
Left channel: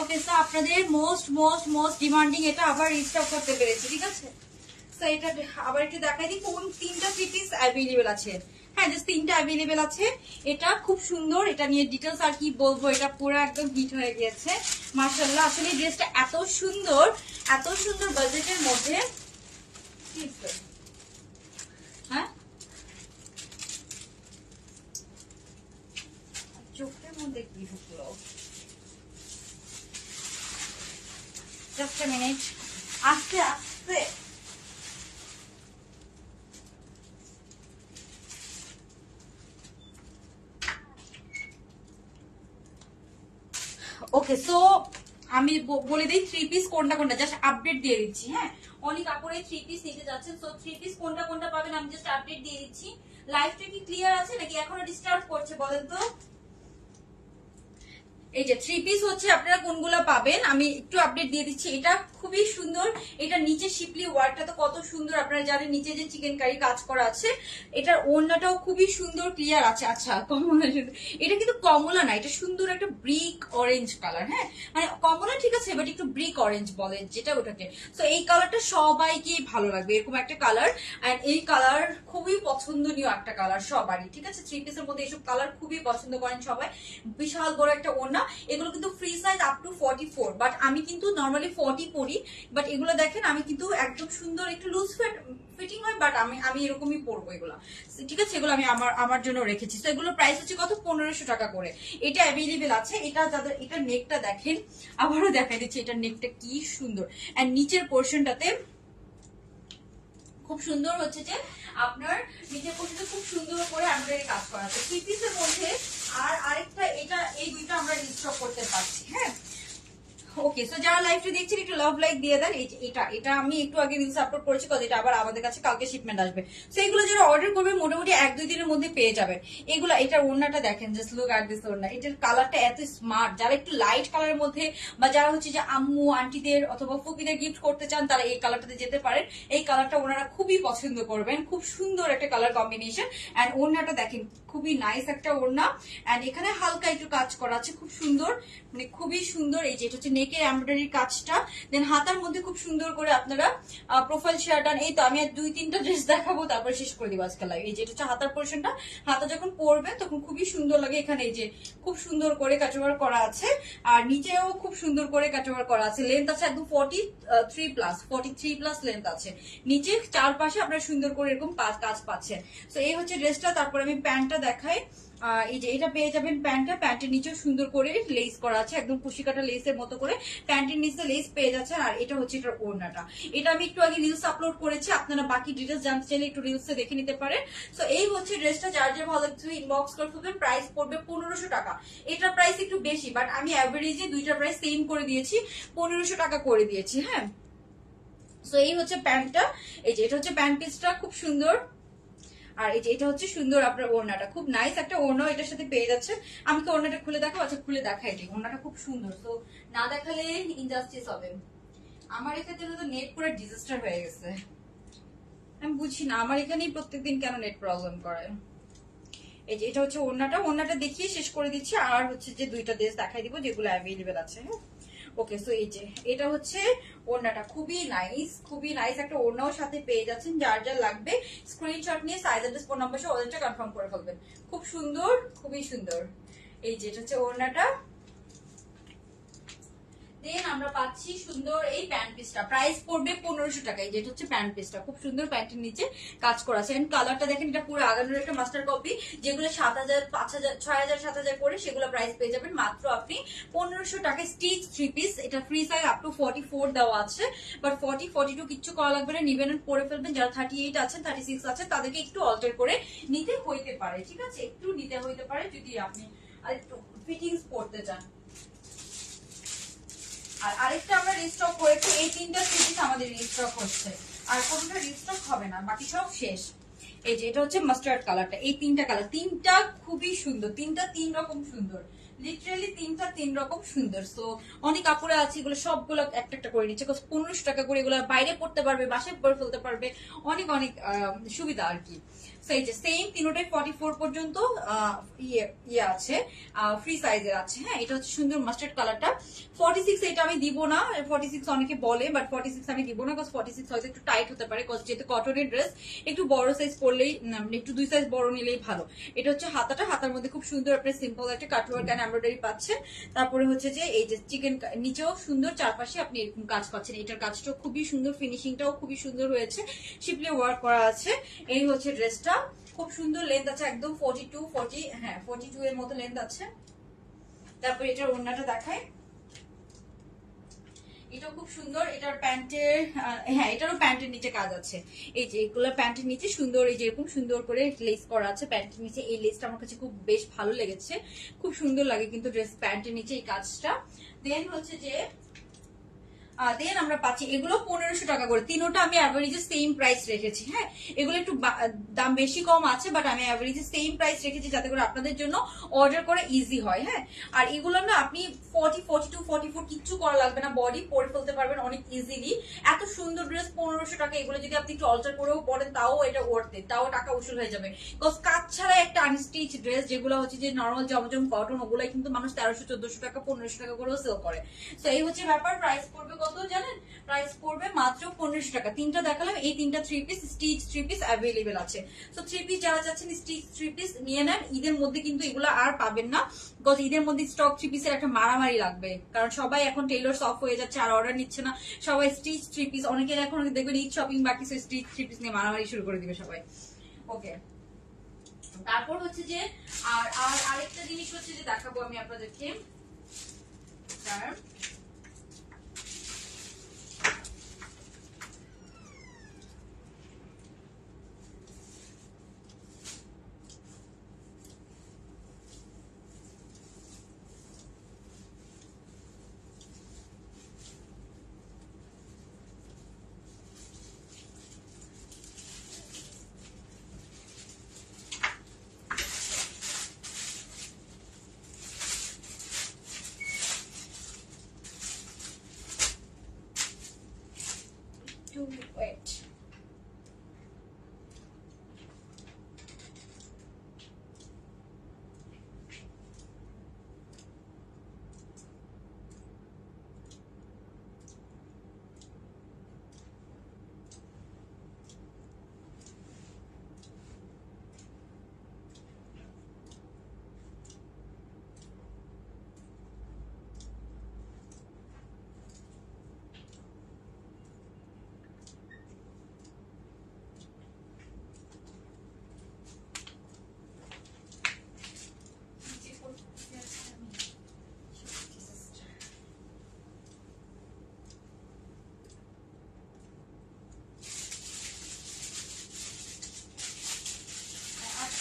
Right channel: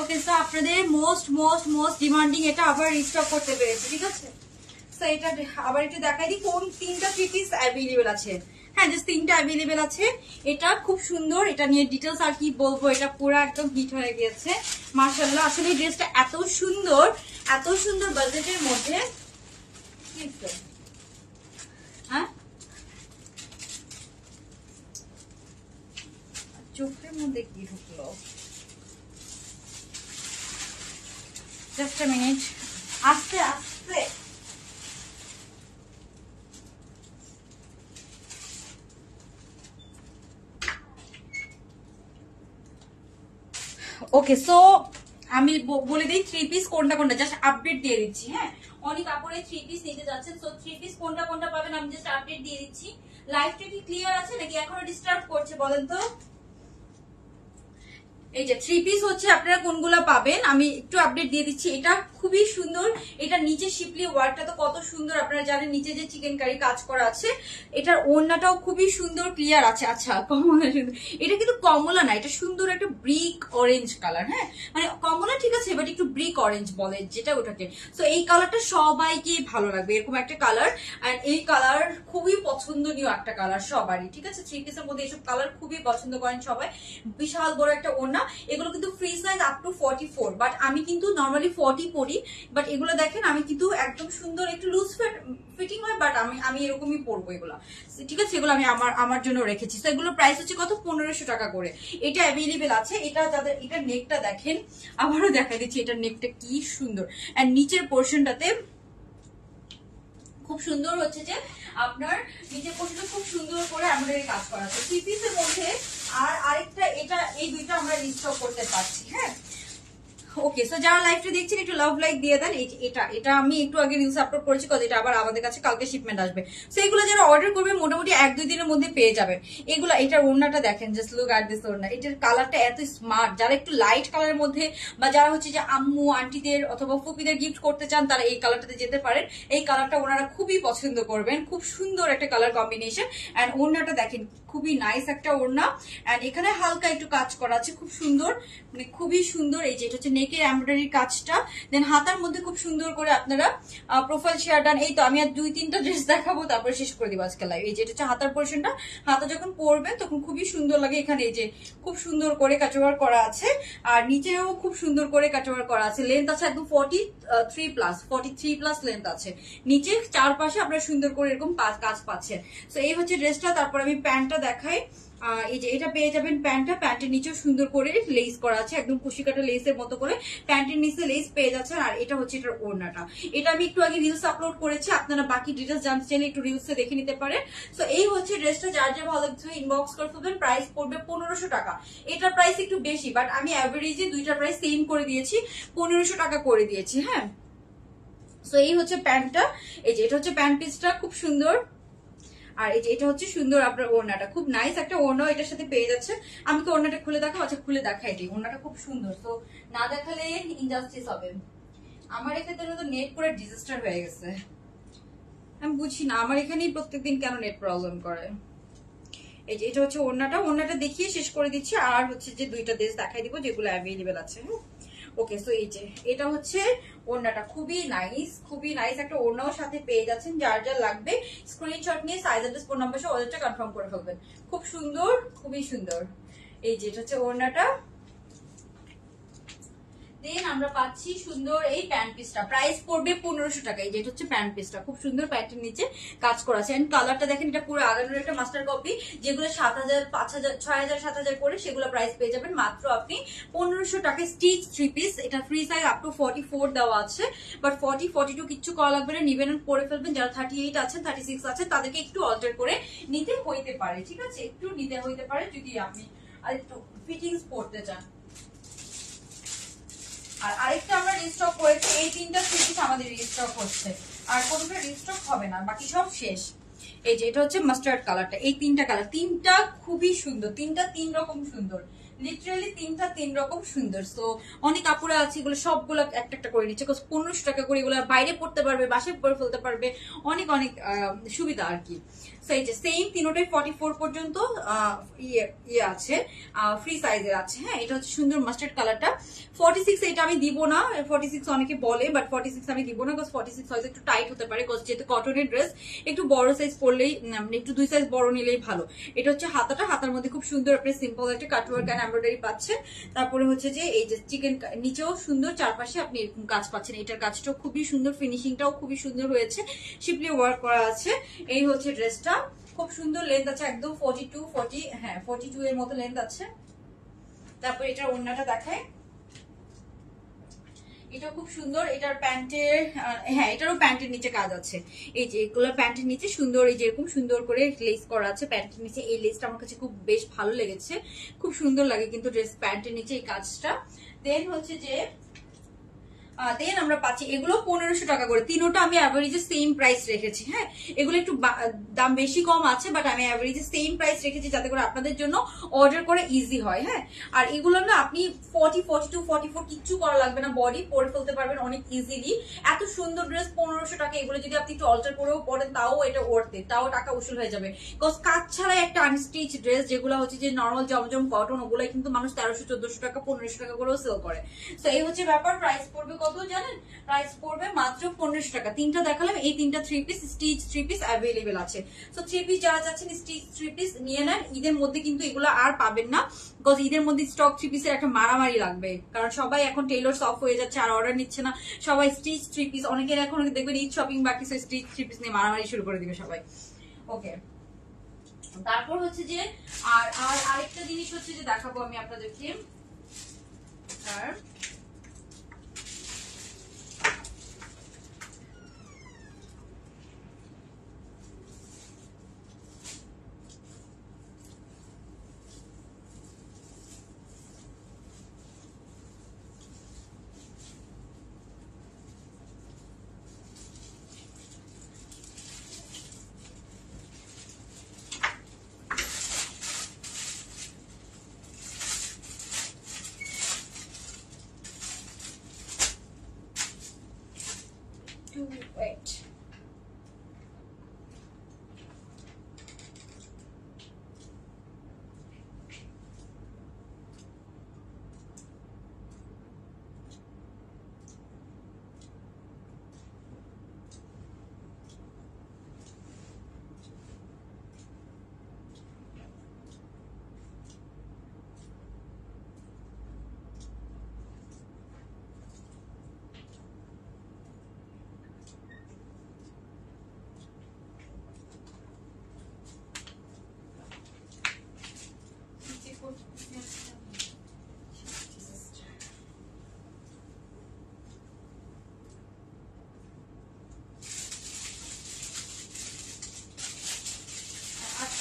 ওকে, সো আপনাদের মোস্ট ডিমান্ডিং এটা আবার রিস্টক করতে পেরেছি, ঠিক আছে। সো এটা আবার একটু দেখাই দিই কোন তিনটা থ্রি পিস অ্যাভেলেবেল আছে। হ্যাঁ, জাস্ট তিনটা অ্যাভেলেবেল আছে। এটা খুব সুন্দর, এটা নিয়ে ডিটেলস আর কি বলবো, এটা পুরো একদম হিট হয়ে গিয়েছে মাশাআল্লাহ। আসলে এই ড্রেসটা এত সুন্দর বাজেটের মধ্যে। হ্যাঁ, চোখের মধ্যে কি ঢুকলো? জাস্ট আ মিনিট, আস্তে আস্তে। ওকে, সো আমি বলে দিই থ্রি পিস কোনটা জাস্ট আপডেট দিয়ে দিচ্ছি। হ্যাঁ, অনেক কাপড়ে থ্রি পিস নিতে যাচ্ছেন, সো থ্রি পিস কোনটা পাবেন আমি জাস্ট আপডেট দিয়ে দিচ্ছি। লাইভটা কি ক্লিয়ার আছে নাকি এখনো ডিস্টার্ব করছে বলেন তো? এই যে থ্রি পিস হচ্ছে আপনারা কোনগুলা পাবেন আমি একটু আপডেট দিয়ে দিচ্ছি। এটা খুবই সুন্দর, এটা নিচে শিপলি ওয়ার্কটা তো কত সুন্দর, আপনারা জানেন নিচে যে চিকেন কারি কাজ করা আছে। এটার ওড়নাটাও খুবই সুন্দর ক্লিয়ার আছে। আচ্ছা, কমলা, এটা কিন্তু কমলা না, এটা সুন্দর একটা ব্রিক অরেঞ্জ কালার। হ্যাঁ, মানে কমলা ঠিক আছে, বাট একটু ব্রিক অরেঞ্জ বলে যেটা ওটাকে। তো এই কালারটা সবাইকে ভালো লাগবে, এরকম একটা কালার। আর এই কালার খুবই পছন্দনীয় একটা কালার সবারই, ঠিক আছে। থ্রি পিসের মধ্যে এইসব কালার খুবই পছন্দ করেন সবাই। বিশাল বড় একটা ওড়না। এগুলো কিন্তু free size up to 44, but আমি কিন্তু নর্মালি 40 পরি। বাট এগুলো দেখেন আমি কিন্তু একদম সুন্দর একটু লুজ ফিটিং হয়, বাট আমি এরকমই পরবো এগুলো, ঠিক আছে। এগুলো আমি আমার জন্য রেখেছি। তো এগুলোর প্রাইস হচ্ছে কত? 1500 টাকা করে। এটা অ্যাভেলেবেল আছে। এটা যাদের, এটা নেকটা দেখেন, আবারও দেখা দিচ্ছি, এটা নেকটা কি সুন্দর। আর নিচের পোর্শনটাতে খুব সুন্দর হচ্ছে যে আপনার নিচের পোর্শনটা খুব সুন্দর করে আমাদের কাজ করা আছে থ্রি পিসের মধ্যে। আর আরেকটা, এটা এই দুইটা আমরা রিস্টক করতে পারছি। হ্যাঁ, ওকে, সো যারা লাইভটা দেখছেন একটু লাভ লাইক দিয়ে দেন। এটা আমি একটু আগে রিলস আপলোড করেছি, কত এটা আবার আমাদের কাছে কালকে শিপমেন্ট আসবে। সো এগুলো যারা অর্ডার করবে মোটামুটি 1-2 দিনের মধ্যে পেয়ে যাবেন এগুলো। এটার ওড়নাটা দেখেন, জাস্ট লুক এট দিস ওড়না। এটার কালারটা এত স্মার্ট, যারা একটু লাইট কালারের মধ্যে বা যারা হচ্ছে যে আম্মু আন্টিদের অথবা ফুপিদের গিফট করতে চান তারা এই কালারটাতে যেতে পারেন। এই কালারটা ওনারা খুবই পছন্দ করবেন, খুব সুন্দর একটা কালার কম্বিনেশন। এন্ড ওড়নাটা দেখেন, খুবই নাইস একটা ওড়না। এন্ড এখানে হালকা একটু কাজ করা আছে, খুব সুন্দর, মানে খুবই সুন্দর। এই যে এটা হচ্ছে নেকের এমব্রয়ডারি কাজটা, দেন হাতার মধ্যে খুব সুন্দর করে আপনারা প্রোফাইল শেয়ার ডান। এই তো আমি আর 2-3টা ড্রেস দেখাবো, তারপর শেষ করে দিব আজকে লাইভ। এই যে এটা হচ্ছে হাতার পোর্শনটা, হাতা যখন পরবেন তখন খুবই সুন্দর লাগে। এখানে এই যে খুব সুন্দর করে কাটওয়ার্ক করা আছে, আর নিচেও খুব সুন্দর করে কাটওয়ার্ক করা আছে। লেন্থ আছে একদম 43+ লেন্থ আছে। নিচে চারপাশে আপনারা সুন্দর করে এরকম কাজ পাচ্ছেন। তো এই হচ্ছে ড্রেসটা। তারপর আমি প্যান্টটা দেখাই। এই যে এটা পেয়ে যাবেন প্যান্টের নিচেও সুন্দর করে লেস করা আছে, একদম কুশি কাটা লেসের মতো করে প্যান্টের নিচে লেস পেয়ে যাচ্ছেন। আর এটা হচ্ছে এটার ওড়নাটা। এটা আমি একটু আগে রিলস আপলোড করেছি, আপনারা বাকি ডিটেলস জানতে চাইলে একটু রিলসে দেখে নিতে পারেন। তো এই হচ্ছে ড্রেসটা, যার যা ভালো লাগছে ইনবক্স করে ফেলবেন। প্রাইস পড়বে 1500 টাকা। এটার প্রাইস একটু বেশি, বাট আমি অ্যাভারেজে দুইটার প্রাইস সেম করে দিয়েছি, 1500 টাকা করে দিয়েছি। হ্যাঁ, তো এই হচ্ছে প্যান্টটা। এই যে এটা হচ্ছে প্যান্ট পিসটা, খুব সুন্দর। আর এই যে এটা হচ্ছে সুন্দর আপনার ওড়নাটা, খুব নাইস একটা ওড়না এটার সাথে পেয়ে যাচ্ছে। আমি তো ওড়নাটা খুলে দেখাবো। আচ্ছা, খুলে দেখাই দিই। ওড়নাটা খুব সুন্দর, তো না দেখালে ইনজাস্টিস হবে। আমার এক্ষেত্রে তো নেট পুরো ডিজাস্টার হয়ে গেছে, আমি বুঝি না আমার এখানেই প্রত্যেকদিন কেন নেট প্রবলেম করে। এই যে এটা হচ্ছে ওড়নাটা দেখিয়ে শেষ করে দিচ্ছি। আর হচ্ছে যে দুইটা ড্রেস দেখাই দিব যেগুলো অ্যাভেলেবেল আছে। হ্যাঁ, ওকে, সো এই যে এটা হচ্ছে ওড়নাটা, খুবই নাইস একটা ওড়নাও সাথে পেয়ে যাচ্ছেন। যার যা লাগবে স্ক্রিনশট নিয়ে সাইজ অ্যাড্রেস ফোন নাম্বার সহ অর্ডারটা কনফার্ম করে ফেলবেন। খুব সুন্দর, খুবই সুন্দর। এই যে এটা হচ্ছে ওড়নাটা। দেন আমরা পাচ্ছি সুন্দর এই প্যান্ট পিসটা, প্রাইস পড়বে 1500 টাকা। এই যেটা হচ্ছে প্যান্ট পিসটা, খুব সুন্দর প্যান্টের নিচে কাজ করা আছে। এন্ড কালারটা দেখেন, এটা পুরো আগানোর একটা মাস্টার কপি। যেগুলো 7000, 5000, 6000, 7000 করে, সেগুলো প্রাইস পেয়ে যাবেন মাত্র আপনি 1500 টাকায়। স্টিচ থ্রি পিস, এটা ফ্রি সাইজ আপ টু 44 দেওয়া আছে, বাট 40, 42 কিচ্ছু করা লাগবে না, নিবেন পরে ফেলবেন। যারা 38 আছেন, 36 আছেন, তাদেরকে একটু অল্টার করে নিতে হইতে পারে, ঠিক আছে, একটু নিতে হইতে পারে যদি আপনি আর একটু ফিটিংস পড়তে চান। আর আরেকটা আমরা রিস্টক করেছি, এই তিনটা থ্রি পিস আমাদের রিস্টক হচ্ছে, আর কোনটা রিস্টক হবে না, বাকি সব শেষ। এই যে এটা হচ্ছে মাস্টার্ড কালারটা, এই তিনটা কালার, তিনটা খুবই সুন্দর, তিনটা তিন রকম সুন্দর, লিটারালি তিনটা তিন রকম সুন্দর। সো অনেক আপুরা আছে এগুলো সবগুলো একটা একটা করে নিচ্ছে, 1500 টাকা করে এগুলো বাইরে পড়তে পারবে, বাসায় পরে ফেলতে পারবে, অনেক অনেক সুবিধা আর কি। এই যে সেম তিনোটাই 44 পর্যন্ত ইয়ে আছে, ফ্রি সাইজের আছে। হ্যাঁ, এটা হচ্ছে সুন্দর মাস্টার্ড কালারটা। 46 এটা আমি দিব না, 46 অনেকে বলে, বাট 46 আমি দিব না, 46 হয়তো একটু টাইট হতে পারে, যেহেতু কটনের ড্রেস একটু বড় সাইজ পরলেই, একটু 2 সাইজ বড় নিলেই ভালো। এটা হচ্ছে হাতাটা, হাতার মধ্যে খুব সুন্দর আপনি সিম্পল একটা কাটওয়ার্ক এন্ড এমব্রয়ডারি পাচ্ছেন। তারপরে হচ্ছে যে এই যে চিকেন নিচেও সুন্দর, চারপাশে আপনি এরকম কাজ পাচ্ছেন। এটার কাজটাও খুবই সুন্দর, ফিনিশিংটাও খুবই সুন্দর হয়েছে, শিপলি ওয়ার্ক করা আছে। এই হচ্ছে ড্রেসটা, খুব সুন্দর লেন্থ আছে, একদম 42 এর মতো লেন্থ আছে। তারপর এটার ওড়নাটা দেখায়, এটা খুব সুন্দর, এটার প্যান্টের, হ্যাঁ এটারও প্যান্টের নিচে কাজ আছে। এই যে এগুলো প্যান্টের নিচে সুন্দর, এই যে এরকম সুন্দর করে লেস করা আছে প্যান্টের নিচে। এই লেসটা আমার কাছে খুব বেশ ভালো লেগেছে, খুব সুন্দর লাগে কিন্তু ড্রেস প্যান্টের নিচে এই কাজটা। দেন হচ্ছে যে দেন আমরা পাচ্ছি এগুলো 1500 টাকা করে, তিনোটা আমি অ্যাভারেজে সেম প্রাইস রেখেছি। হ্যাঁ, এগুলো একটু দাম বেশি কম আছে, বাট আমি অ্যাভারেজে সেম প্রাইস রেখেছি যাতে করে আপনাদের জন্য অর্ডার করা ইজি হয়। হ্যাঁ, আর এগুলো না আপনি 40, 42, 44 কিচ্ছু করা লাগবে না, বডি পরে ফেলতে পারবেন অনেক ইজিলি। এত সুন্দর ড্রেস 1500 টাকা, এগুলো যদি আপনি একটু অল্টার করেও পরেন তাও এটা ওর্থে, তাও টাকা উসুল হয়ে যাবে। বিকজ কাজ ছাড়া একটা আনস্টিচ ড্রেস যেগুলো হচ্ছে যে নর্মাল জমজম কটন, ওগুলো কিন্তু মানুষ 1300, 1400 টাকা, 1500 টাকা করেও সেল করে। তো এই হচ্ছে ব্যাপার। প্রাইস পড়বে কত জানেন? প্রাইস পড়বে মাত্র 1500 টাকা। তিনটা দেখালাম, এই তিনটা 3 পিস স্টিচ 3 পিস অ্যাভেলেবেল আছে। তো 3 পিস যারা চাচ্ছেন স্টিচ 3 পিস নিয়ে নেন, ঈদের মধ্যে কিন্তু এগুলো আর পাবেন না, বিকজ ঈদের মধ্যে স্টক 3 পিসের একটা মারামারি লাগবে, কারণ সবাই এখন টেইলরস অফ হয়ে যাচ্ছে আর অর্ডার নিচ্ছে না, সবাই স্টিচ 3 পিস, অনেকের এখন দেখবেন ঈদ শপিং বাকি, স্টিচ 3 পিস নিয়ে মারামারি শুরু করে দিবে সবাই। ওকে, তারপর হচ্ছে যে আর আরেকটা জিনিস হচ্ছে যে দেখাবো আমি আপনাদেরকে, wait.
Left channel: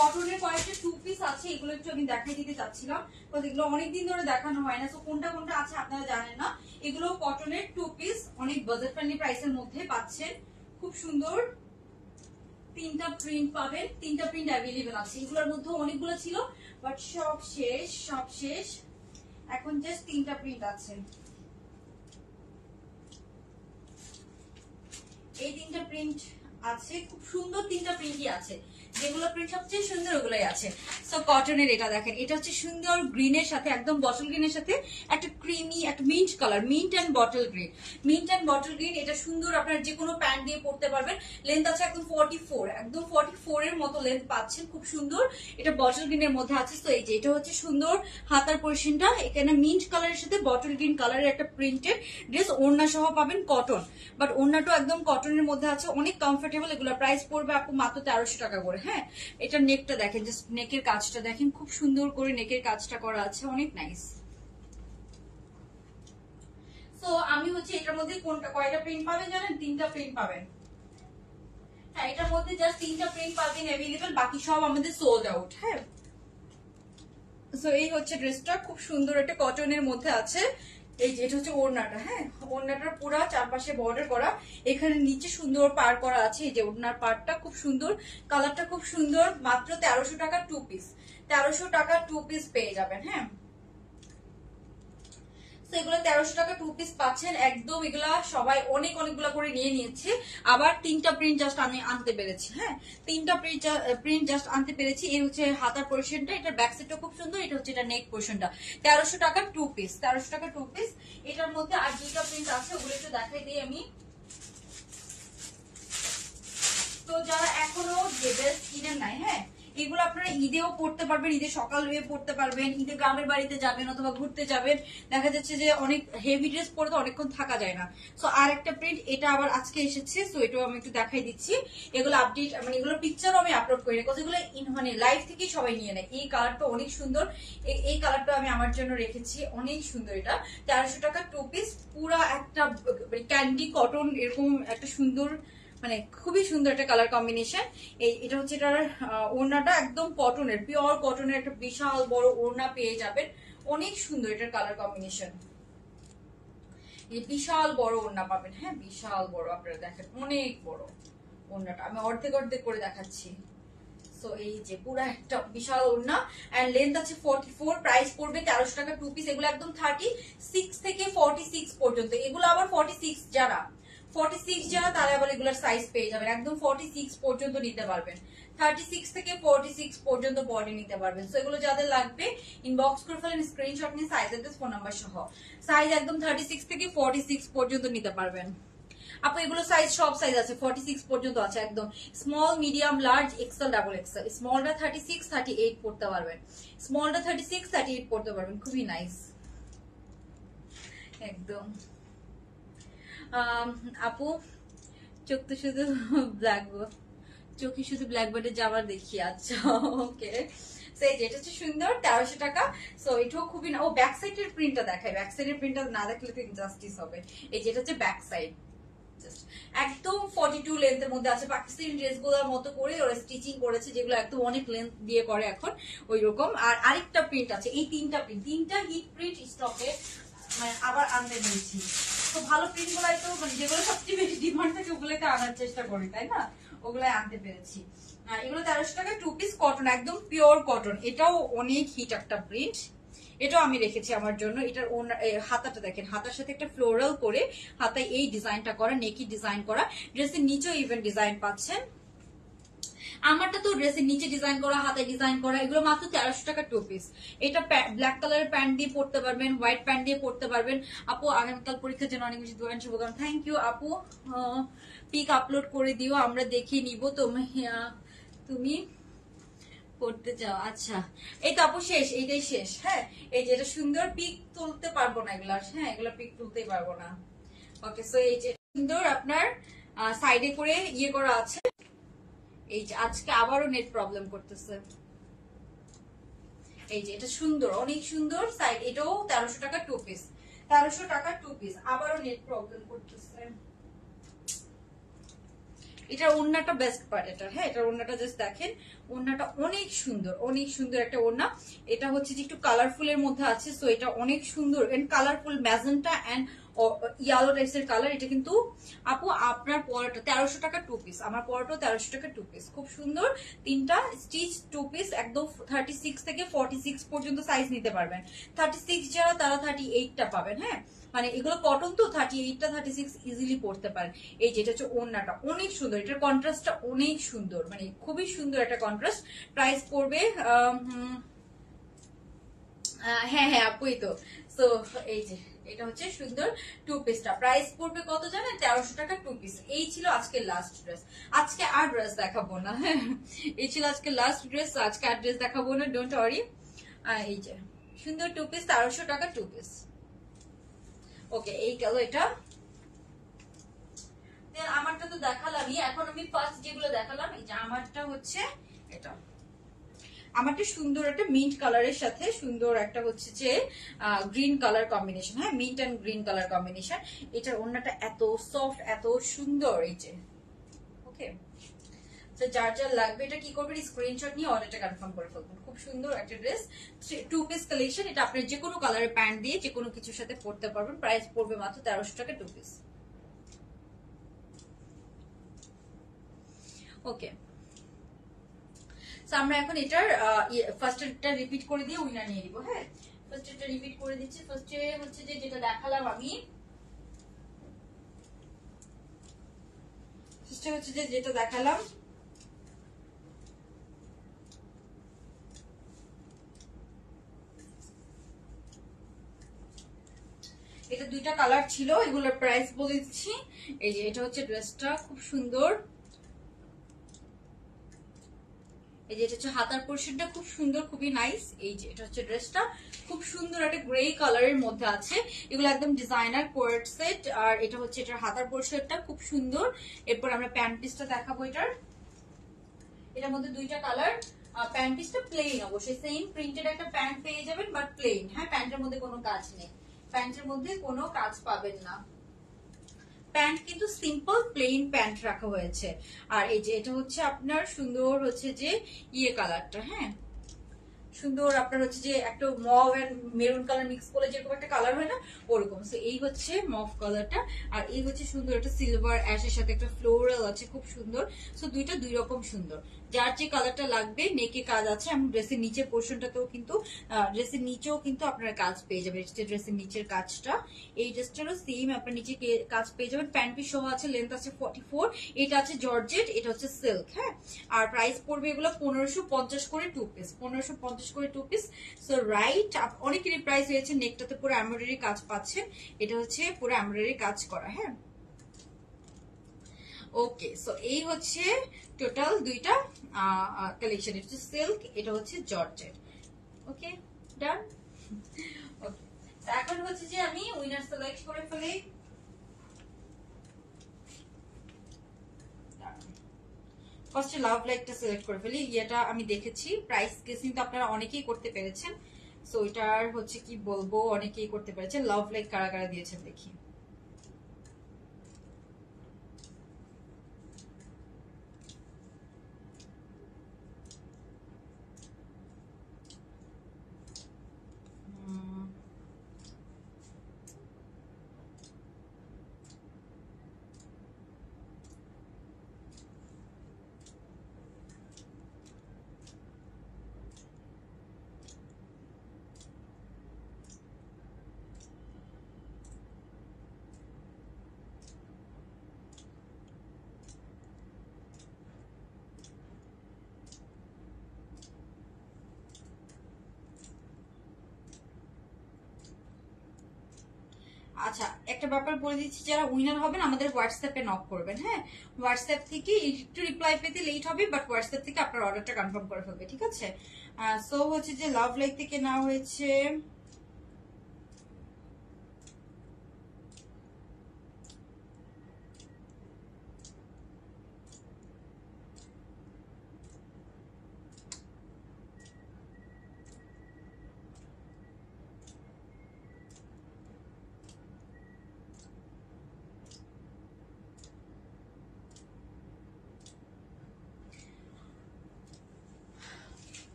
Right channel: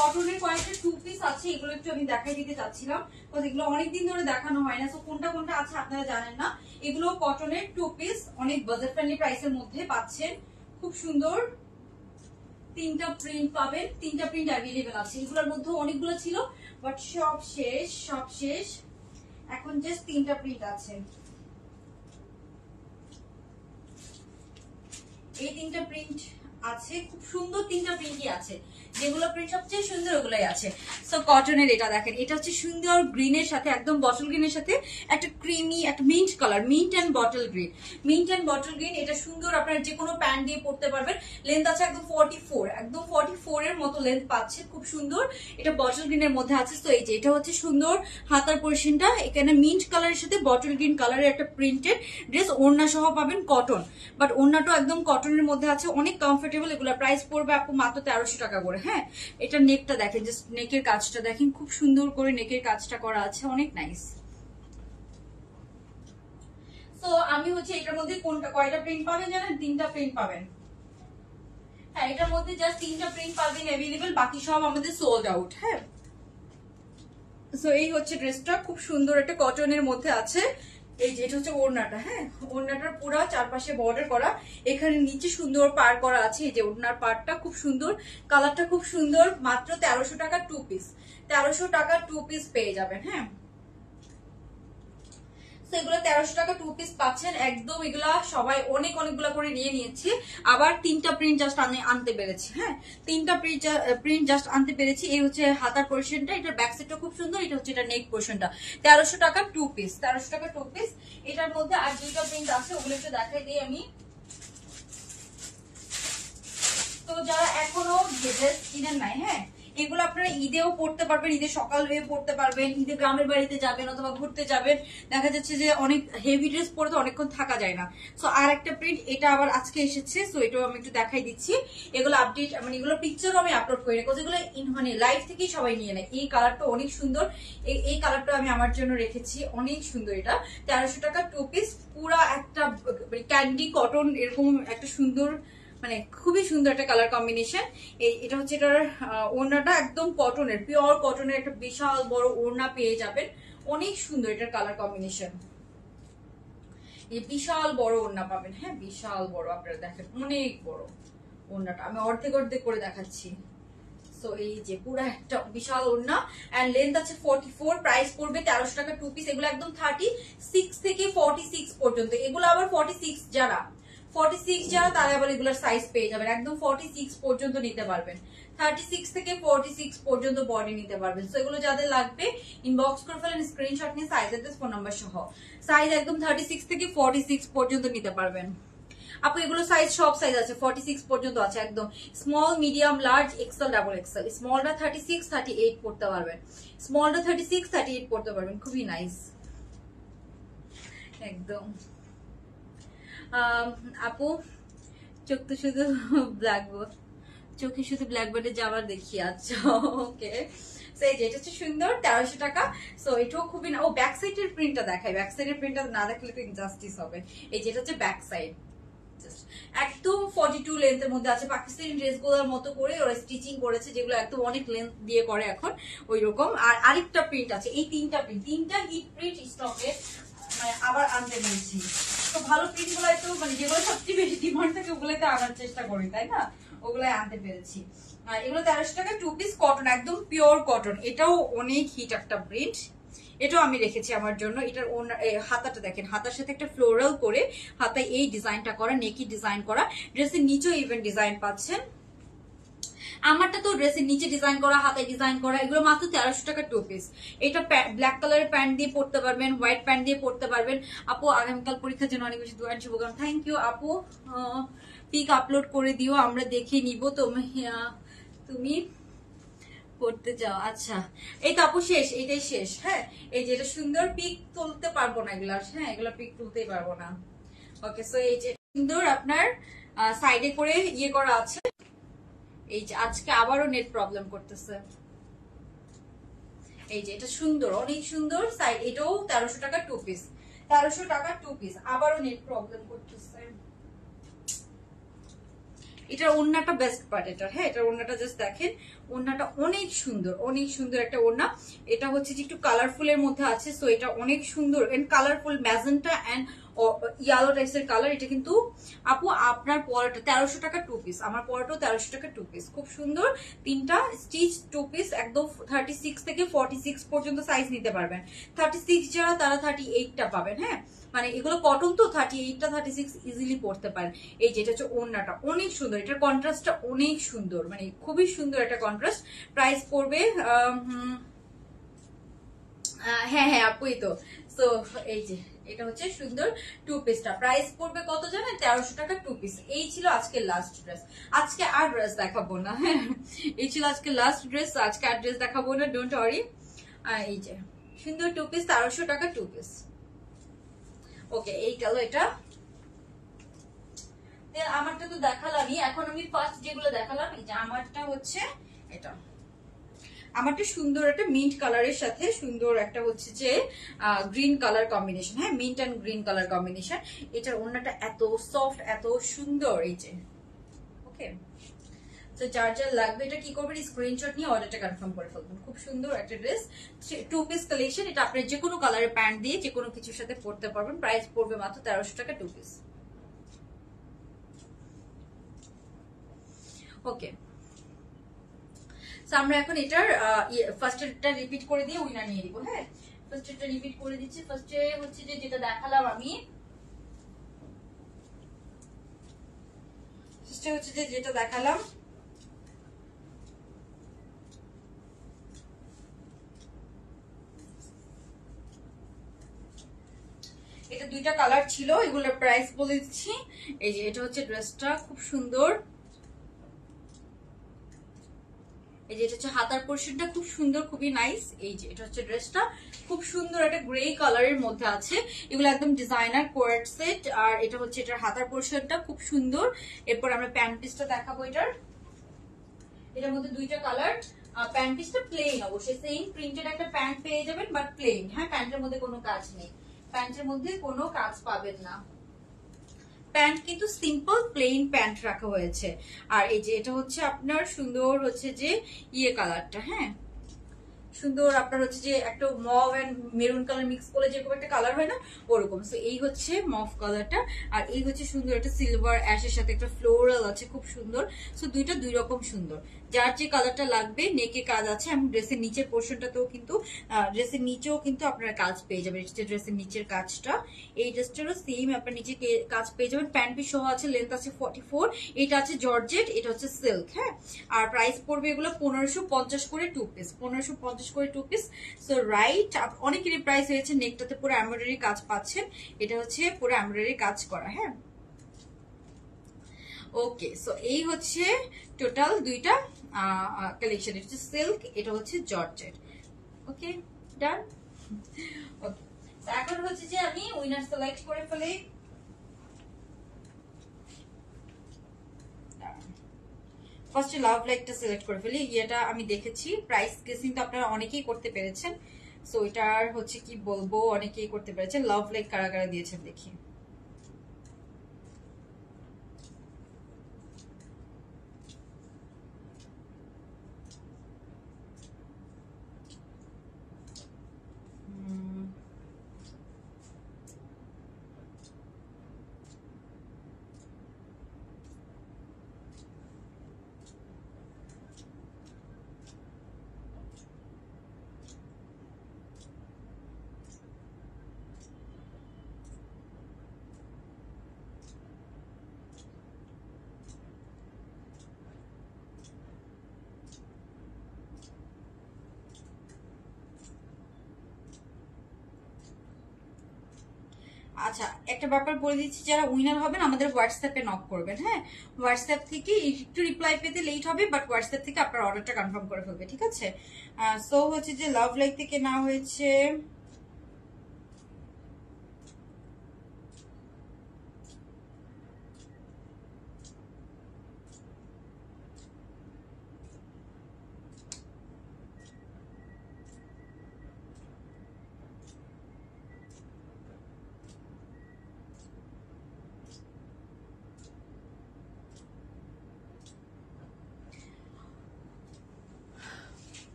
কটনের কয়েকটা 2 পিস আছে, এগুলো একটু আমি দেখাই দিতে চাচ্ছিলাম, কারণ এগুলো অনেকদিন ধরে দেখানো হয় না, তো কোনটা কোনটা আছে আপনারা জানেন না। এগুলো কটনের 2 পিস, অনেক বাজেট ফ্রেন্ডলি প্রাইসের মধ্যে পাচ্ছেন, খুব সুন্দর। তিনটা প্রিন্ট পাবেন, তিনটা প্রিন্ট অ্যাভেলেবেল আছে। এগুলোর মধ্যে অনেকগুলো ছিল, বাট সব শেষ, এখন জাস্ট তিনটা প্রিন্ট আছে। এই তিনটা প্রিন্ট আছে, খুব সুন্দর তিনটা প্রিন্টই আছে, যেগুলো প্রিন্ট সবচেয়ে সুন্দর ওগুলোই আছে। সো কটনের এটা দেখেন, এটা হচ্ছে সুন্দর গ্রিনের সাথে, একদম বটল গ্রিনের সাথে একটা ক্রিমি একটা mint colour, mint and bottle green, এটা সুন্দর, আপনারা যে কোনো প্যান্ট দিয়ে পরতে পারবেন। লেন্থ আছে একদম 44, একদম 44 এর মতো লেন্থ পাচ্ছে, খুব সুন্দর। এটা বটল গ্রিনের মধ্যে আছে। তো এই যে এটা হচ্ছে সুন্দর হাতার পোরশনটা, এখানে মিন্ট কালারের সাথে বটল গ্রিন কালারের একটা প্রিন্টেড ড্রেস, ওড়না সহ পাবেন কটন, বাট ওড়নাটা একদম কটনের মধ্যে আছে, অনেক কমফোর্টেবল। এগুলো প্রাইস পড়বে আপু মাত্র 1300 টাকা করে। হ্যাঁ, এটা নেকটা দেখেন, জাস্ট নেকের কাজটা দেখেন, খুব সুন্দর করে নেকের কাজটা করা আছে, অনেক নাইস। তো আমি হচ্ছে এটার মধ্যে কয়টা প্রিন্ট পাবেন জানেন? 3টা প্রিন্ট পাবেন। হ্যাঁ, এটার মধ্যে জাস্ট 3টা প্রিন্ট পাবেন অ্যাভেলেবেল, বাকি সব আমাদের সোল্ড আউট। হ্যাঁ, সো এই হচ্ছে ড্রেসটা, খুব সুন্দর একটা কটনের মধ্যে আছে, এই যে এটা হচ্ছে ওড়নাটা, হ্যাঁ ওড়নাটার পুরো চারপাশে বর্ডার করা, এখানে নিচে সুন্দর পার করা আছে। এই যে ওড়নার পারটা খুব সুন্দর, কালারটা খুব সুন্দর। মাত্র 1300 টাকা 2 পিস, 1300 টাকা 2 পিস পেয়ে যাবেন। হ্যাঁ এগুলো 1300 টাকা 2 পিস পাচ্ছেন একদম। এগুলা সবাই অনেকগুলা করে নিয়ে নিয়েছে। আবার 3টা প্রিন্ট জাস্ট আনতে পেরেছি। হ্যাঁ 3টা প্রিন্ট জাস্ট আনতে পেরেছি। এই হচ্ছে হাতার পোর্শনটা, এটা ব্যাক সাইডটা খুব সুন্দর, এটা হচ্ছে এটা নেক পোর্শনটা। 1300 টাকা 2 পিস, 1300 টাকা 2 পিস। এটার মধ্যে আর 2টা প্রিন্ট আছে, ওগুলো একটু দেখাই দিই আমি। তো যারা এখনো ড্রেস কিনেন নাই, হ্যাঁ এগুলো আপনারা ঈদেও পড়তে পারবেন, ঈদের সকাল হয়ে পড়তে পারবেন, ঈদে গ্রামের বাড়িতে যাবেন অথবা ঘুরতে যাবেন, দেখা যাচ্ছে যে অনেক হেভি ড্রেস পরে তো অনেকক্ষণ থাকা যায় না। সো আর একটা প্রিন্ট, এটা আবার আজকে এসেছে, সো এটাও আমি একটু দেখাই দিচ্ছি। এগুলো আপডেট মানে এগুলো পিকচারও আমি আপলোড করি, বিকজ এগুলো মানে লাইভ থেকেই সবাই নিয়ে নেয়। এই কালারটা অনেক সুন্দর, এই কালারটা আমি আমার জন্য রেখেছি, অনেক সুন্দর। এটা 1300 টাকা 2 পিস, পুরা একটা ক্যান্ডি কটন এরকম একটা সুন্দর, মানে খুবই সুন্দর একটা কালার কম্বিনেশন। এটা হচ্ছে এটার ওড়নাটা একদম কটনের, পিওর কটনের একটা বিশাল বড় ওড়না পেয়ে যাবেন। অনেক সুন্দর এটার কালার কম্বিনেশন, বিশাল বড় ওড়না পাবেন। হ্যাঁ বিশাল বড়, আপনারা দেখেন অনেক বড় ওড়নাটা, আমি অর্ধেক করে দেখাচ্ছি। সো এই যে পুরো একটা বিশাল ওড়না, এন্ড লেন্থ আছে 44, প্রাইস পড়বে 1300 টাকা 2 পিস। এগুলো একদম 36 থেকে 46 পর্যন্ত। এগুলো আবার 46 যারা তারা আবার এগুলোর সাইজ পেয়ে যাবেন, একদম 46 পর্যন্ত নিতে পারবেন। 36 থেকে 46 পর্যন্ত বডি নিতে পারবেন। সো এগুলো যাদের লাগবে ইনবক্স করে ফেলেন, স্ক্রিনশট নিয়ে সাইজ অ্যাড্রেস ফোন নাম্বার সহ। সাইজ একদম 36 থেকে 46 পর্যন্ত নিতে পারবেন। আপু এগুলো সাইজ সব সাইজ আছে, 46 পর্যন্ত আছে একদম। Small, medium, large, XL, double XL. স্মলটা 36, 38 পড়তে পারবেন, স্মলটা 36, 38 পড়তে পারবেন। খুবই নাইস একদম। আপু চোখ তো শুধু ব্ল্যাকবোর্ড, চোখে শুধু ব্ল্যাকবোর্ডে যাওয়ার দেখি। আচ্ছা ওকে, যেটা হচ্ছে সুন্দর 1300 টাকা। সো এটাও খুবই না, ও ব্যাক সাইডের প্রিন্টটা দেখাই, ব্যাক সাইডের প্রিন্টটা না দেখলে তো ইনজাস্টিস হবে। এই যেটা হচ্ছে ব্যাক সাইড, একদম 42 লেন্থের মধ্যে আছে। পাকিস্তানি ড্রেসগুলোর মতো করে ওরা স্টিচিং করেছে, যেগুলো একদম অনেক লেন্থ দিয়ে করে এখন ওই রকম। আর আরেকটা প্রিন্ট আছে, এই তিনটা হিট প্রিন্ট স্টকে মানে আবার আনতে বলছি। তো ভালো প্রিন্ট গুলাই তো মানে যেগুলো সবচেয়ে বেশি ডিমান্ড থাকে ওগুলাই তো আনার চেষ্টা করি, তাই না? ওগুলাই আনতে পেরেছি। এগুলো 1300 টাকা 2 পিস, কটন, একদম পিওর কটন। এটাও অনেক হিট একটা প্রিন্ট, এটাও আমি রেখেছি আমার জন্য। এটার হাতাটা দেখেন, হাতার সাথে একটা ফ্লোরাল করে হাতায় এই ডিজাইনটা করা, নেকি ডিজাইন করা। ড্রেসের নিচেও ইভেন ডিজাইন পাচ্ছেন। আমারটা তো ড্রেসের নিচে ডিজাইন করা, হাতায় ডিজাইন করা। এগুলো মাত্র 1300 টাকা 2 পিস। এটা ব্ল্যাক কালারের প্যান্ট দিয়ে পড়তে পারবেন, হোয়াইট প্যান্ট দিয়ে পড়তে পারবেন। আপু আগামীকাল পরীক্ষার জন্য অনেক বেশি দোয়া শুভকামনা। থ্যাংক ইউ আপু, পিক আপলোড করে দিও, আমরা দেখিয়ে নিব তুমি করতে চাও। আচ্ছা এই তো আপু শেষ, এইটাই শেষ। হ্যাঁ এই যে এটা সুন্দর, পিক তুলতে পারবো না এগুলা, হ্যাঁ এগুলা পিক তুলতেই পারবো না। ওকে সো এই যে সুন্দর আপনার সাইডে করে ইয়ে করা আছে। এই যে আজকে আবারও নেট প্রবলেম করতেছে। এই যে এটা সুন্দর, অনেক সুন্দর সাইড, এটাও 1300 টাকা 2 পিস, 1300 টাকা 2 পিস। আবারও নেট প্রবলেম করতেছে। এটার ওড়নাটা বেস্ট পার্ট এটা। হ্যাঁ এটার ওড়নাটা জাস্ট দেখেন, ওড়নাটা অনেক সুন্দর একটা ওড়না। এটা হচ্ছে যে একটু কালারফুল এর মধ্যে আছে। সো এটা অনেক সুন্দর and colourful, magenta and yellow টাইপসের কালার। এটা কিন্তু আপু আপনার পরাটা 1300 টাকা 2 পিস, আমার পরাটাও 1300 টাকা 2 পিস। খুব সুন্দর তিনটা স্টিচ 2 পিস, একদম 36 থেকে 46 পর্যন্ত সাইজ নিতে পারবেন। 36 যারা তারা 38টা পাবেন। হ্যাঁ মানে এগুলো কটন তো 38টা 36 ইজিলি পড়তে পারেন। এই যেটা হচ্ছে ওড়নাটা অনেক সুন্দর, এটার কন্ট্রাস্টটা অনেক সুন্দর, মানে খুবই সুন্দর একটা কন্ট্রাস্ট। প্রাইস পড়বে হ্যাঁ আপুই তো। সো এই যে এটা হচ্ছে সুন্দর 2 পিসটা, প্রাইস পড়বে কত জানেন? 1300 টাকা 2 পিস। এই ছিল আজকের লাস্ট ড্রেস, আজকে আর ড্রেস দেখাবো না। হ্যাঁ এই ছিল আজকে লাস্ট ড্রেস, আজকে আর ড্রেস দেখাবো না, ডোন্ট ওয়ারি। এই যে সুন্দর 2 পিস, 1300 টাকা 2 পিস। ওকে এই গেল এটা। আমারটা তো দেখালামই, এখন আমি ফার্স্ট যেগুলো দেখালাম, এই যে আমারটা হচ্ছে এটা, আমারটা সুন্দর একটা মিন্ট কালারের সাথে সুন্দর একটা হচ্ছে যে গ্রিন কালার কম্বিনেশন। হ্যাঁ mint and green colour combination. এটার ওড়নাটা এত সফট, এত সুন্দর। এই যে ওকে তো যার যার লাগবে এটা কি করবেন, স্ক্রিনশট নিয়ে অর্ডারটা কনফার্ম করে ফেলবেন। খুব সুন্দর একটা ড্রেস, 2 পিস কালেকশন। এটা আপনি যে কোনো কালারের প্যান্ট দিয়ে যে কোনো কিছুর সাথে পরতে পারবেন। প্রাইস পড়বে মাত্র 1300 টাকা 2 পিস। ওকে, আমরা এখন এটার ফার্স্ট এটা রিপিট করে দিয়ে উইনার নিয়ে নিব। হ্যাঁ, ফার্স্ট এটা রিপিট করে দিচ্ছি। ফার্স্টে হচ্ছে যে যেটা দেখালাম আমি, ফার্স্টে হচ্ছে যে যেটা দেখালাম এটা 2টা কালার ছিল, এগুলোর প্রাইস বলে দিচ্ছি। এই যে এটা হচ্ছে ড্রেসটা, খুব সুন্দর। এই যে এটা হচ্ছে হাতার পোর্শনটা, খুব সুন্দর, খুবই নাইস। এই যে এটা হচ্ছে ড্রেসটা, খুব সুন্দর একটা গ্রে কালারের মধ্যে আছে। এগুলো একদম ডিজাইনার কোয়ার্ট সেট। আর এটা হচ্ছে এটার হাতার পোর্শনটা, খুব সুন্দর। এরপর আমরা প্যান্ট পিসটা দেখাবো। এটার মধ্যে 2টা কালার। প্যান্ট পিসটা প্লেন, অবশ্যই সেম প্রিন্টেড একটা প্যান্ট পেয়ে যাবেন, বাট প্লেন। হ্যাঁ, প্যান্টের মধ্যে কোনো কাজ নেই, প্যান্টের মধ্যে কোনো কাজ পাবেন না। প্যান্ট কিন্তু সিম্পল প্লেন প্যান্ট রাখা হয়েছে। আর এই যে এটা হচ্ছে আপনার সুন্দর হচ্ছে যে কালারটা। হ্যাঁ, সুন্দর আপনার হচ্ছে যে একটা mauve and maroon colour mix করলে যেরকম একটা কালার হয় না, ওরকম। সো এই হচ্ছে মভ কালারটা, আর এই হচ্ছে সুন্দর একটা সিলভার অ্যাশের সাথে একটা ফ্লোরাল আছে, খুব সুন্দর। সো দুইটা 2 রকম সুন্দর। যার যে কালারটা লাগবে, নেকে কাজ আছে। এবং ড্রেসের নিচের পোর্শনটাতেও কিন্তু, ড্রেসের নিচেও কিন্তু আপনারা কাজ পেয়ে যাবেন। ড্রেসের নিচের কাজটা, এই ড্রেসটারও সেম আপনার নিচে কাজ পেয়ে যাবেন। প্যান্ট পিস সহ আছে, লেন্থ আছে 44। এটা আছে জর্জেট, এটা হচ্ছে সিল্ক। হ্যাঁ, আর প্রাইস পড়বে এগুলো 1550 করে 2 পিস, 1550 করে 2 পিস। সো রাইট, অনেকেরই প্রাইস হয়েছে। নেকটাতে পুরো এমব্রয়ডারি কাজ পাচ্ছেন, এটা হচ্ছে পুরো এমব্রয়ডারি কাজ করা। হ্যাঁ, ওকে। সো এই হচ্ছে টোটাল 2টা কালেকশন। এটা হচ্ছে সিল্ক, এটা হচ্ছে জর্জেট। ওকে, ডান। এখন হচ্ছে যে আমি উইনার সিলেক্ট করে ফেলি। ফার্স্টে লাভ লাইকটা সিলেক্ট করে ফেলি। এটা আমি দেখেছি, প্রাইস গেসিং তো আপনারা অনেকেই করতে পেরেছেন। সো এটার হচ্ছে কি বলবো, অনেকেই করতে পেরেছেন। লাভ লাইক কারা কারা দিয়েছেন দেখি। আচ্ছা, একটা ব্যাপার বলে দিচ্ছি, যারা উইনার হবেন আমাদের হোয়াটসঅ্যাপে নক করবেন। হ্যাঁ, হোয়াটসঅ্যাপ থেকে একটু রিপ্লাই পেতে লেট হবে, বাট হোয়াটসঅ্যাপ থেকে আপনার অর্ডারটা কনফার্ম করে ফেলবে, ঠিক আছে? সো হচ্ছে যে লাভ লাইক থেকে নেওয়া হয়েছে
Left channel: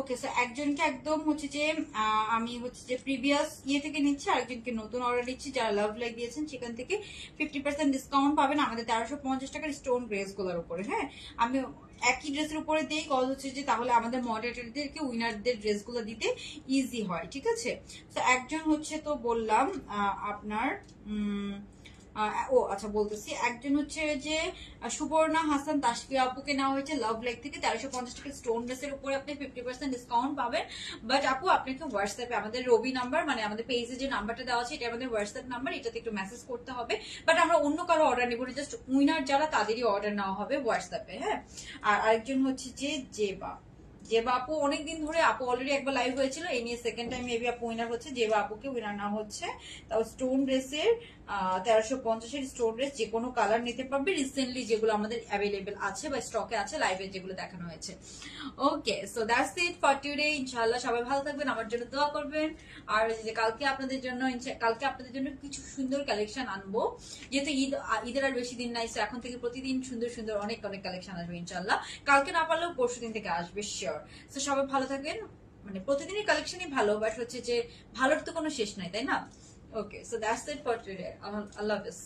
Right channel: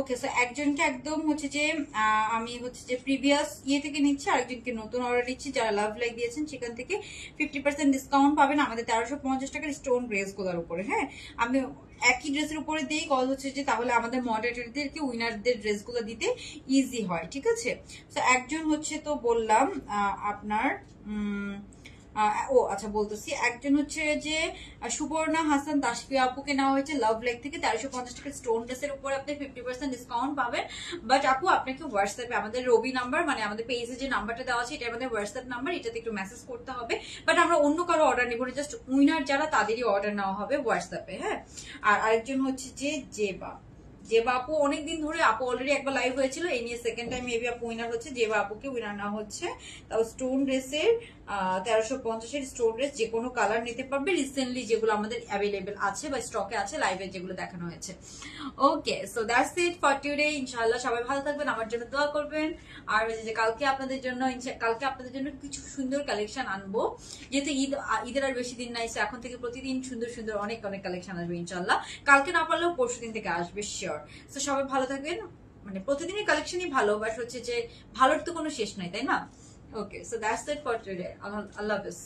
ওকে। সো একজনকে একদম হচ্ছে যে আমি হচ্ছে যে প্রিভিয়াস থেকে নিচ্ছি, আরেকজনকে নতুন অর্ডার দিচ্ছি। যারা লাভ লাইক দিয়েছেন সেখান থেকে 50% ডিসকাউন্ট পাবেন আমাদের 1350 টাকার স্টোন ড্রেস গুলোর উপরে। হ্যাঁ, আমি একই ড্রেসের উপরে দিই, কল হচ্ছে যে তাহলে আমাদের মডারেটরদেরকে উইনারদের ড্রেসগুলো দিতে ইজি হয়, ঠিক আছে? তো একজন হচ্ছে তো বললাম আপনার ও আচ্ছা বলতেছি, একজন হচ্ছে যে সুবর্ণা হাসান তাসফিয়া আপুকে নেওয়া হয়েছে লাভ লাইক থেকে 1350 টাকা স্টোন ড্রেসের উপরে আপনি 50% ডিসকাউন্ট পাবেন। বাট আপু আপনাকে হোয়াটসঅ্যাপে আমাদের রবি নাম্বার, মানে আমাদের পেজে যে নাম্বারটা দেওয়া আছে এটা আমাদের হোয়াটসঅ্যাপ নাম্বার, এটাতে একটু মেসেজ করতে হবে। বাট আমরা অন্য কারো অর্ডার নিব না, জাস্ট উইনার যারা তাদেরই অর্ডার নেওয়া হবে হোয়াটসঅ্যাপে। হ্যাঁ, আর আরেকজন হচ্ছে যে আপু অনেকদিন ধরে, আপু অলরেডি একবার লাইভ হয়েছিল, এই নিয়ে সেকেন্ড টাইম মেবি আপু উইনার হচ্ছে। আপুকে উইনার না হচ্ছে, তাও স্টোন ড্রেসের 1350 স্টোর ড্রেস, যে কোনো কালার নিতে পারবে। রিসেন্টলি যেগুলো আমাদের অ্যাভেলেবেল আছে বা স্টকে আছে, লাইভে যেগুলো দেখানো হয়েছে। Okay, so that's it for today. ইনশাআল্লাহ সবাই ভালো থাকবেন, আমার জন্য দোয়া করবেন। আর যে কালকে আপনাদের জন্য কিছু সুন্দর কালেকশন আনবো, যেহেতু ঈদের আর বেশি দিন নাই, এখন থেকে প্রতিদিন সুন্দর সুন্দর অনেক অনেক কালেকশন আসবে ইনশাআল্লাহ। কালকে না পারলেও পরশু দিন থেকে আসবে শিওর। তো সবাই ভালো থাকবেন। মানে প্রতিদিনই কালেকশনই ভালো, বাট হচ্ছে যে ভালোর তো কোনো শেষ নাই, তাই না? Okay, so that's it for today. আল্লাহ হাফেজ।